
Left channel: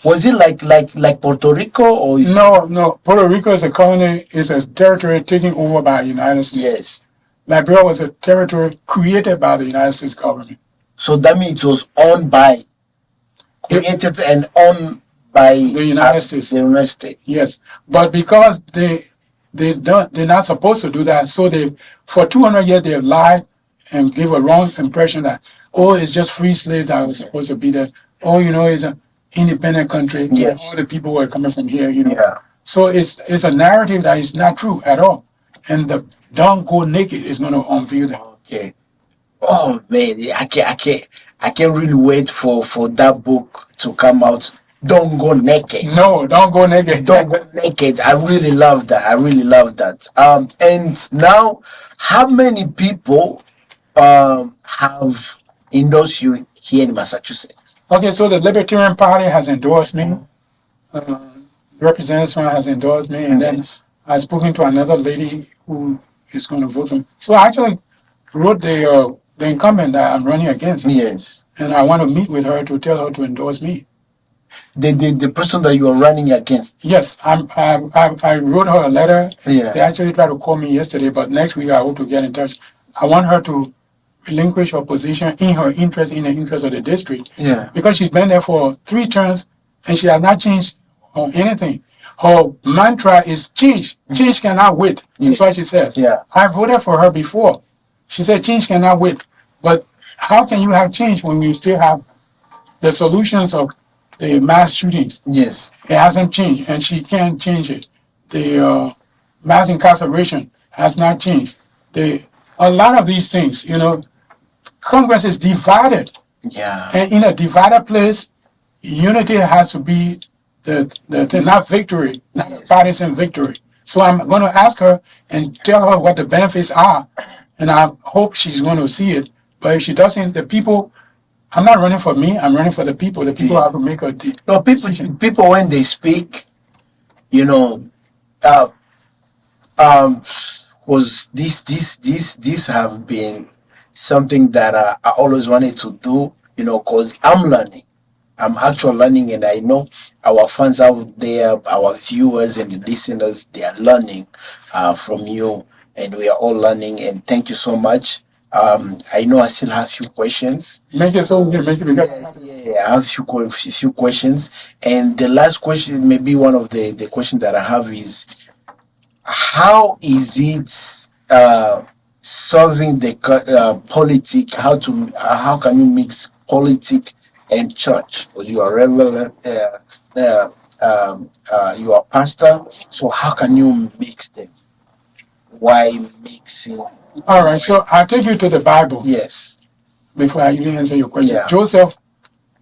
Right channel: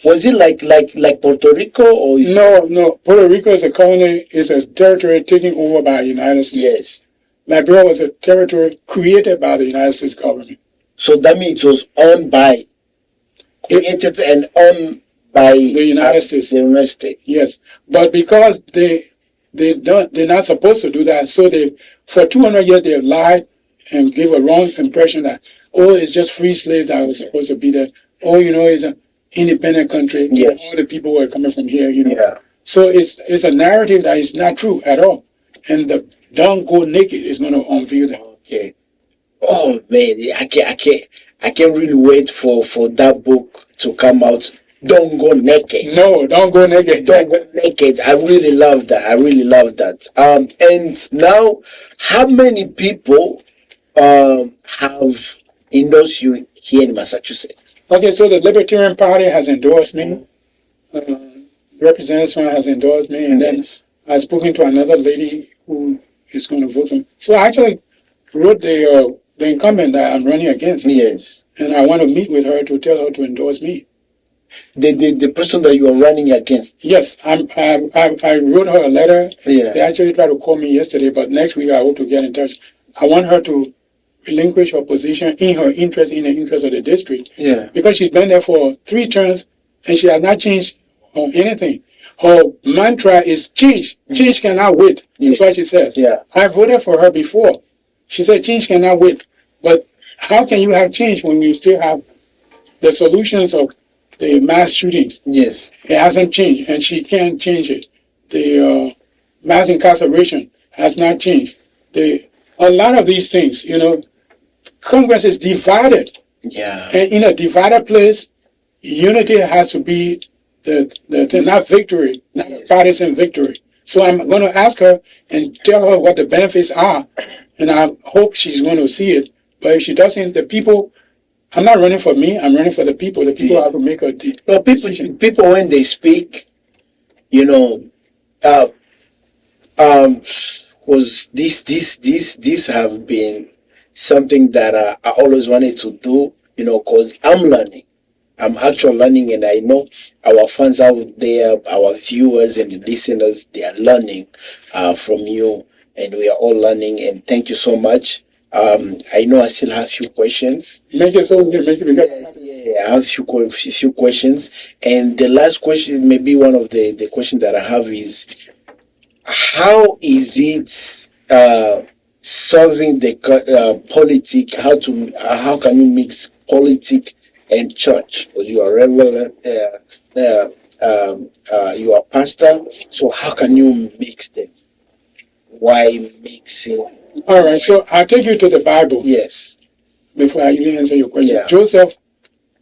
Was it like Puerto Rico or is No. Puerto Rico is a colony, is a territory taken over by the United States. Yes. Liberia was a territory created by the United States government. So that means it was owned by, created and owned by the United States. The United States. Yes, but because they're not supposed to do that, so they for 200 years they have lied and give a wrong impression that it's just free slaves that were supposed to be there. It's an independent country. Yes. All the people were coming from here. Yeah. So it's a narrative that is not true at all, and the Don't Go Naked is going to unveil that. Okay. Oh man, I can't really wait for that book to come out. Don't Go Naked. No, Don't Go Naked. Don't Go Naked. I really love that. And now, how many people have endorsed you here in Massachusetts? Okay, so the Libertarian Party has endorsed me. Representative has endorsed me, and then I've spoken to another lady who is going to vote for me. So I actually wrote the incumbent that I'm running against. Yes. And I want to meet with her to tell her to endorse me. The person that you are running against? Yes, I wrote her a letter. Yeah. They actually tried to call me yesterday, but next week I hope to get in touch. I want her to relinquish her position in the interest of the district. Yeah. Because she's been there for 3 terms and she has not changed anything. Her mantra is change. Change cannot wait. That's what she says. Yeah. I voted for her before. She said change cannot wait. But how can you have change when you still have the solutions of the mass shootings? Yes. It hasn't changed, and she can't change it. The mass incarceration has not changed. A lot of these things, Congress is divided. Yeah. And in a divided place, unity has to be the not victory, not a partisan victory. So I'm going to ask her and tell her what the benefits are, and I hope she's going to see it. But if she doesn't, the people, I'm not running for me, I'm running for the people. The people have to make a decision. People when they speak, was this have been something that I always wanted to do, because I'm learning. I'm actually learning, and I know our fans out there, our viewers and the listeners, they are learning from you, and we are all learning. And thank you so much. I know I still have a few questions. Make it so we can make it because Yeah, I have a few questions. And the last question, maybe one of the questions that I have is, how is it solving the politic? How can you mix politic and church? Because you are reverend, you are pastor. So how can you mix them? Why mixing? all right, so I'll take you to the Bible. Yes. Before I even answer your question. Yeah. Joseph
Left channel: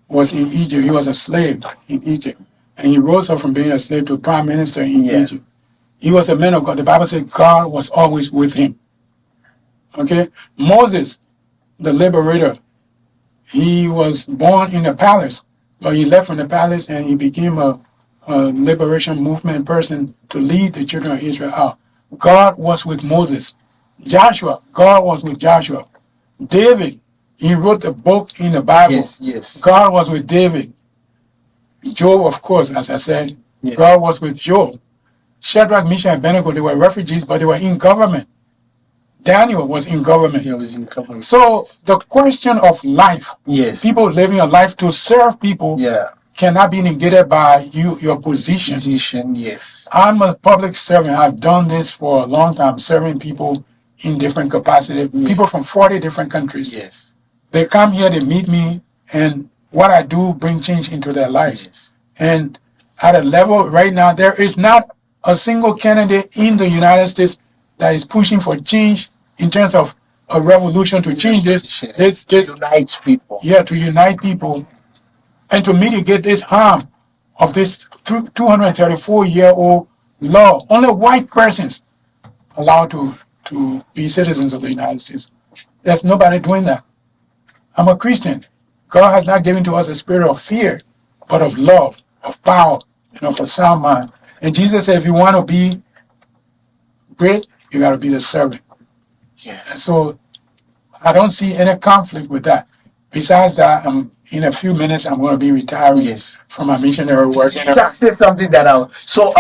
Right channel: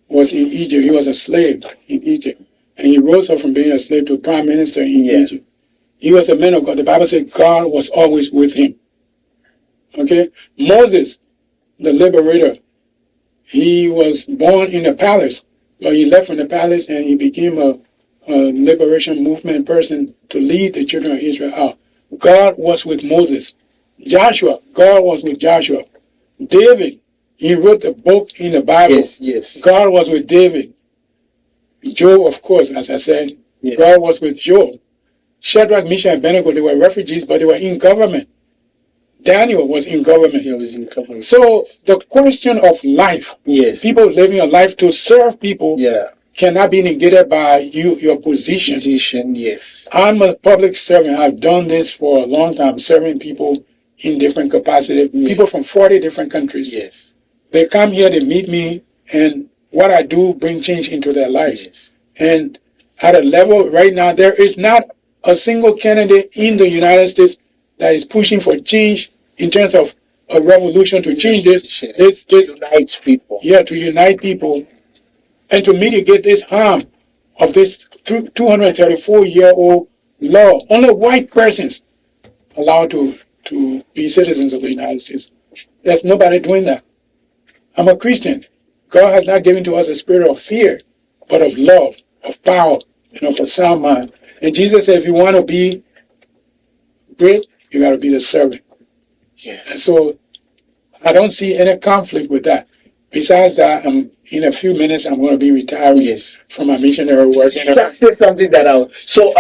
was in Egypt. He was a slave in Egypt. And he rose up from being a slave to prime minister in Egypt. He was a man of God. The Bible says God was always with him. Okay? Moses, the liberator, he was born in a palace, but he left from the palace and he became a liberation movement person to lead the children of Israel out. God was with Moses. Joshua, God was with Joshua. David, he wrote the book in the Bible. Yes. God was with David. Job, of course, as I said, God was with Job. Shadrach, Meshach, and Abednego, they were refugees, but they were in government. Daniel was in government. He was in government. So the question of life, people living a life to serve people, cannot be negated by your position. Yes. I'm a public servant. I've done this for a long time, serving people in different capacities. People from 40 different countries. Yes. They come here, they meet me, and what I do bring change into their lives. Yes. And at a level right now, there is not a single candidate in the United States that is pushing for change in terms of a revolution to change this unite people. Yeah, to unite people and to mitigate this harm of this 234-year-old law. Only white persons allowed to be citizens of the United States. There's nobody doing that. I'm a Christian. God has not given to us a spirit of fear, but of love, of power, and of a sound mind. And Jesus said, if you want to be great, you got to be the servant. Yes. And so I don't see any conflict with that. Besides that, in a few minutes, I'm going to be retiring from my missionary work. Just say something that out. So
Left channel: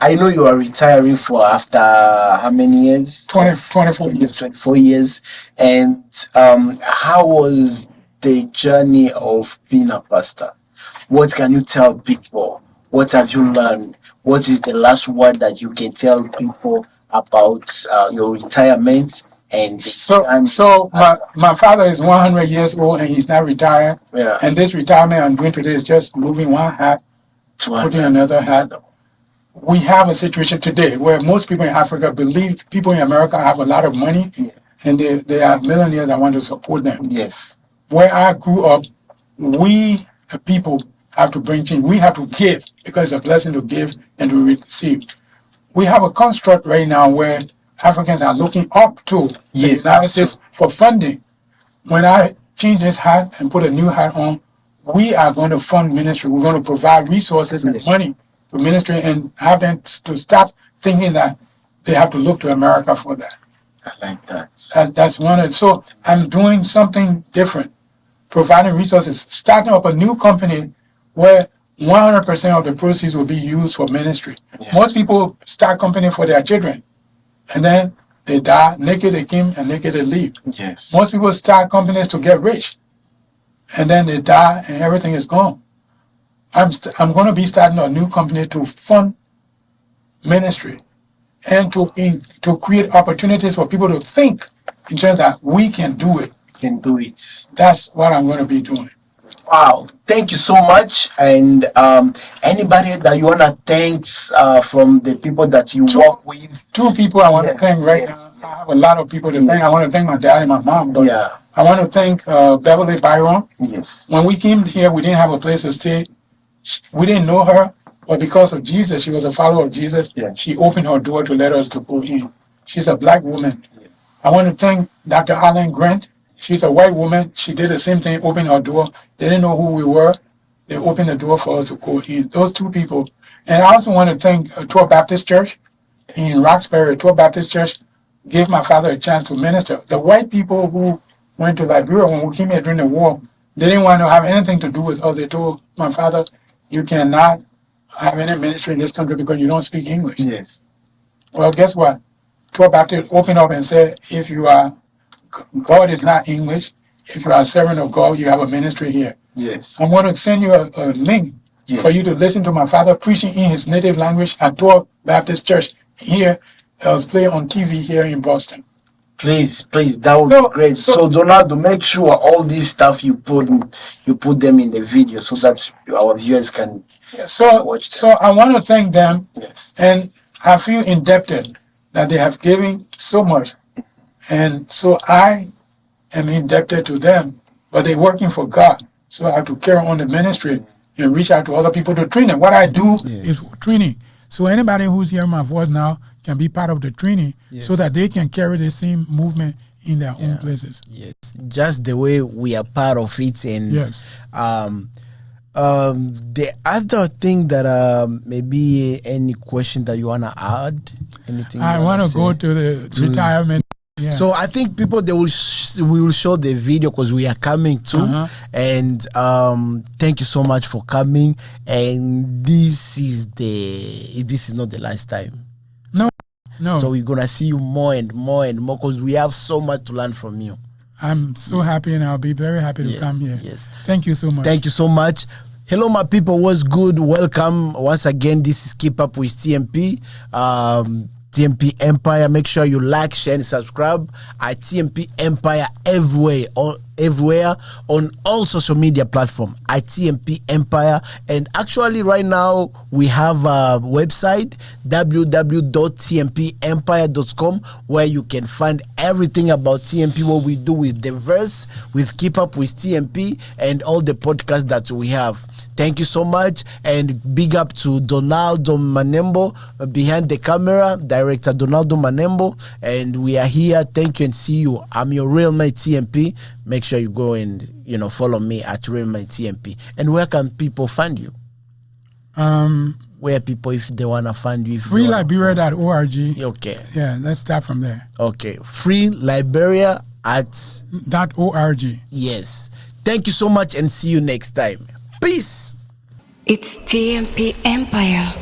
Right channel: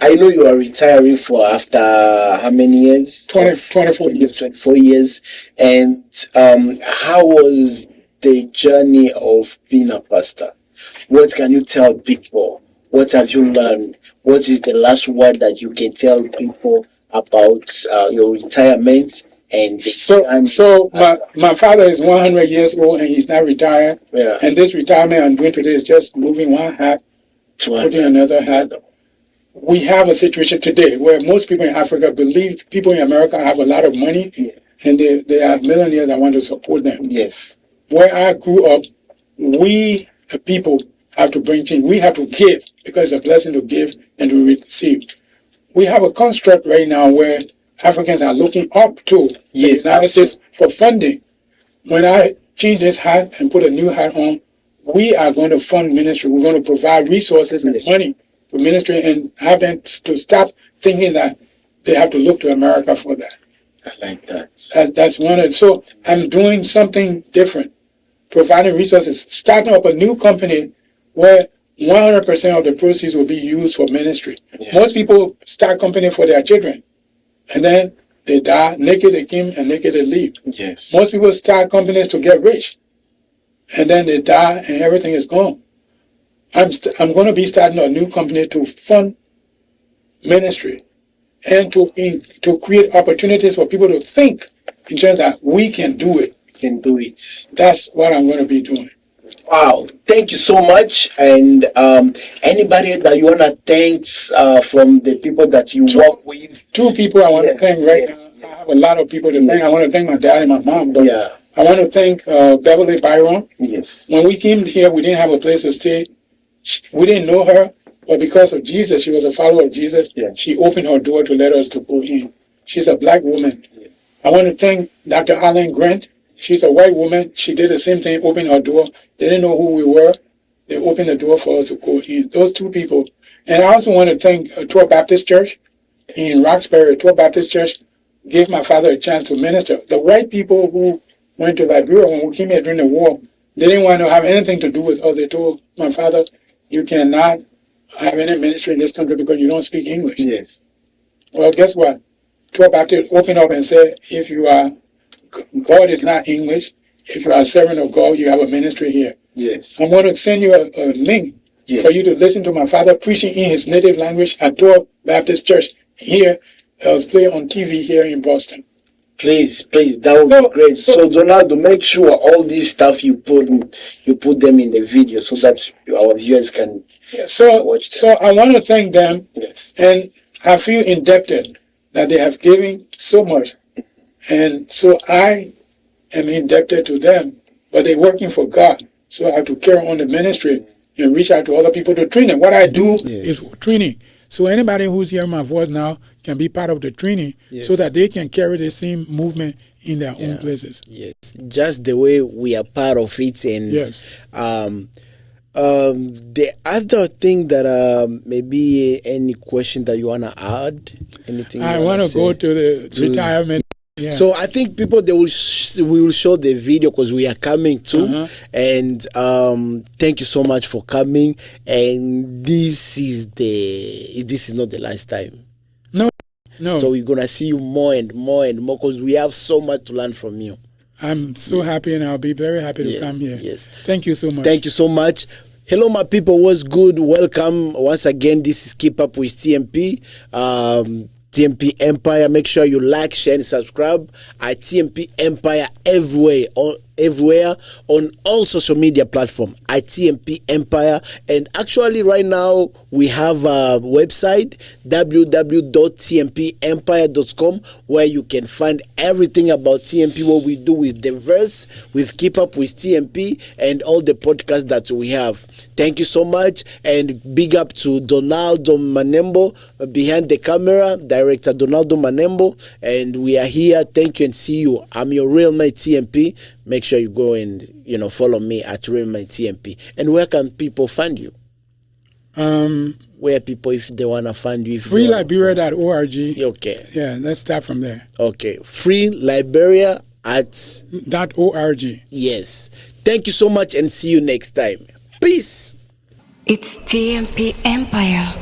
I know you are retiring for after how many years? 24 years. 24 years. And how was the journey of being a pastor? What can you tell people? What have you learned? What is the last word that you can tell people about your retirement? And so my father is 100 years old and he's not retired. Yeah. And this retirement I'm doing today is just moving one hat to putting another hat. We have a situation today where most people in Africa believe people in America have a lot of money, and they have millionaires that want to support them. Yes. Where I grew up, we the people have to bring change. We have to give because it's a blessing to give and to receive. We have a construct right now where Africans are looking up to the United States for funding. When I change this hat and put a new hat on, we are going to fund ministry. We're going to provide resources and money to ministry and have them to stop thinking that they have to look to America for that. I like that. That's one of it. So I'm doing something different, providing resources, starting up a new company where 100% of the proceeds will be used for ministry. Yes. Most people start company for their children, and then they die, naked they came and naked they leave. Yes. Most people start companies to get rich, and then they die and everything is gone. I'm going to be starting a new company to fund ministry and to create opportunities for people to think in terms that we can do it. Can do it. That's what I'm going to be doing. Wow, thank you so much. And anybody that you want to thank from the people that you work with? Two people I want to thank right now. I have a lot of people to thank. I want to thank my dad and my mom. But I want to thank Beverly Byron. Yes. When we came here, we didn't have a place to stay. We didn't know her, but because of Jesus, she was a follower of Jesus. Yeah. She opened her door to let us to go in. She's a black woman. Yeah. I want to thank Dr. Allen Grant. She's a white woman. She did the same thing, opened her door. They didn't know who we were. They opened the door for us to go in. Those two people. And I also want to thank Torli Baptist Church in Roxbury. Torli Baptist Church gave my father a chance to minister. The white people who went to Liberia when we came here during the war, they didn't want to have anything to do with us. They told my father, you cannot have any ministry in this country because you don't speak English. Yes. Well, guess what? Torli Baptist opened up and said, if you are God is not English. If you are a servant of God, you have a ministry here. Yes. I'm going to send you a link for you to listen to my father preaching in his native language at Torli Baptist Church here. It was played on TV here in Boston. Please, that would be great. So Donaldo, make sure all this stuff you put them in the video so that our viewers can watch them. So I want to thank them. Yes. And I feel indebted that they have given so much. And so I am indebted to them, but they're working for God. So I have to carry on the ministry and reach out to other people to train them. What I do is training. So anybody who's hearing my voice now can be part of the training so that they can carry the same movement in their own places. Yes, just the way we are part of it. And the other thing that maybe any question that you want to add? Anything I want to go to the retirement. Yeah. So I think people we will show the video because we are coming too, and thank you so much for coming. And this is not the last time. No. So we're gonna see you more and more and more because we have so much to learn from you. I'm so happy, and I'll be very happy to come here. Yes. Thank you so much. Thank you so much. Hello, my people. What's good? Welcome once again. This is Keep Up with TMP. TMP Empire. Make sure you like, share, and subscribe at TMP Empire everywhere. everywhere on all social media platforms at TMP Empire. And actually, right now, we have a website, www.tmpempire.com, where you can find everything about TMP, what we do with the verse, with Keep Up with TMP, and all the podcasts that we have. Thank you so much, and big up to Donaldo Manembo behind the camera, director Donaldo Manembo, and we are here. Thank you and see you. I'm your real mate TMP. Make sure you go and follow me at real mate TMP. And where can people find you? Where people, if they wanna find you, freeliberia.org. Okay. Yeah, let's start from there. Okay, freeliberia at .org. Yes. Thank you so much, and see you next time. Peace. It's TMP Empire.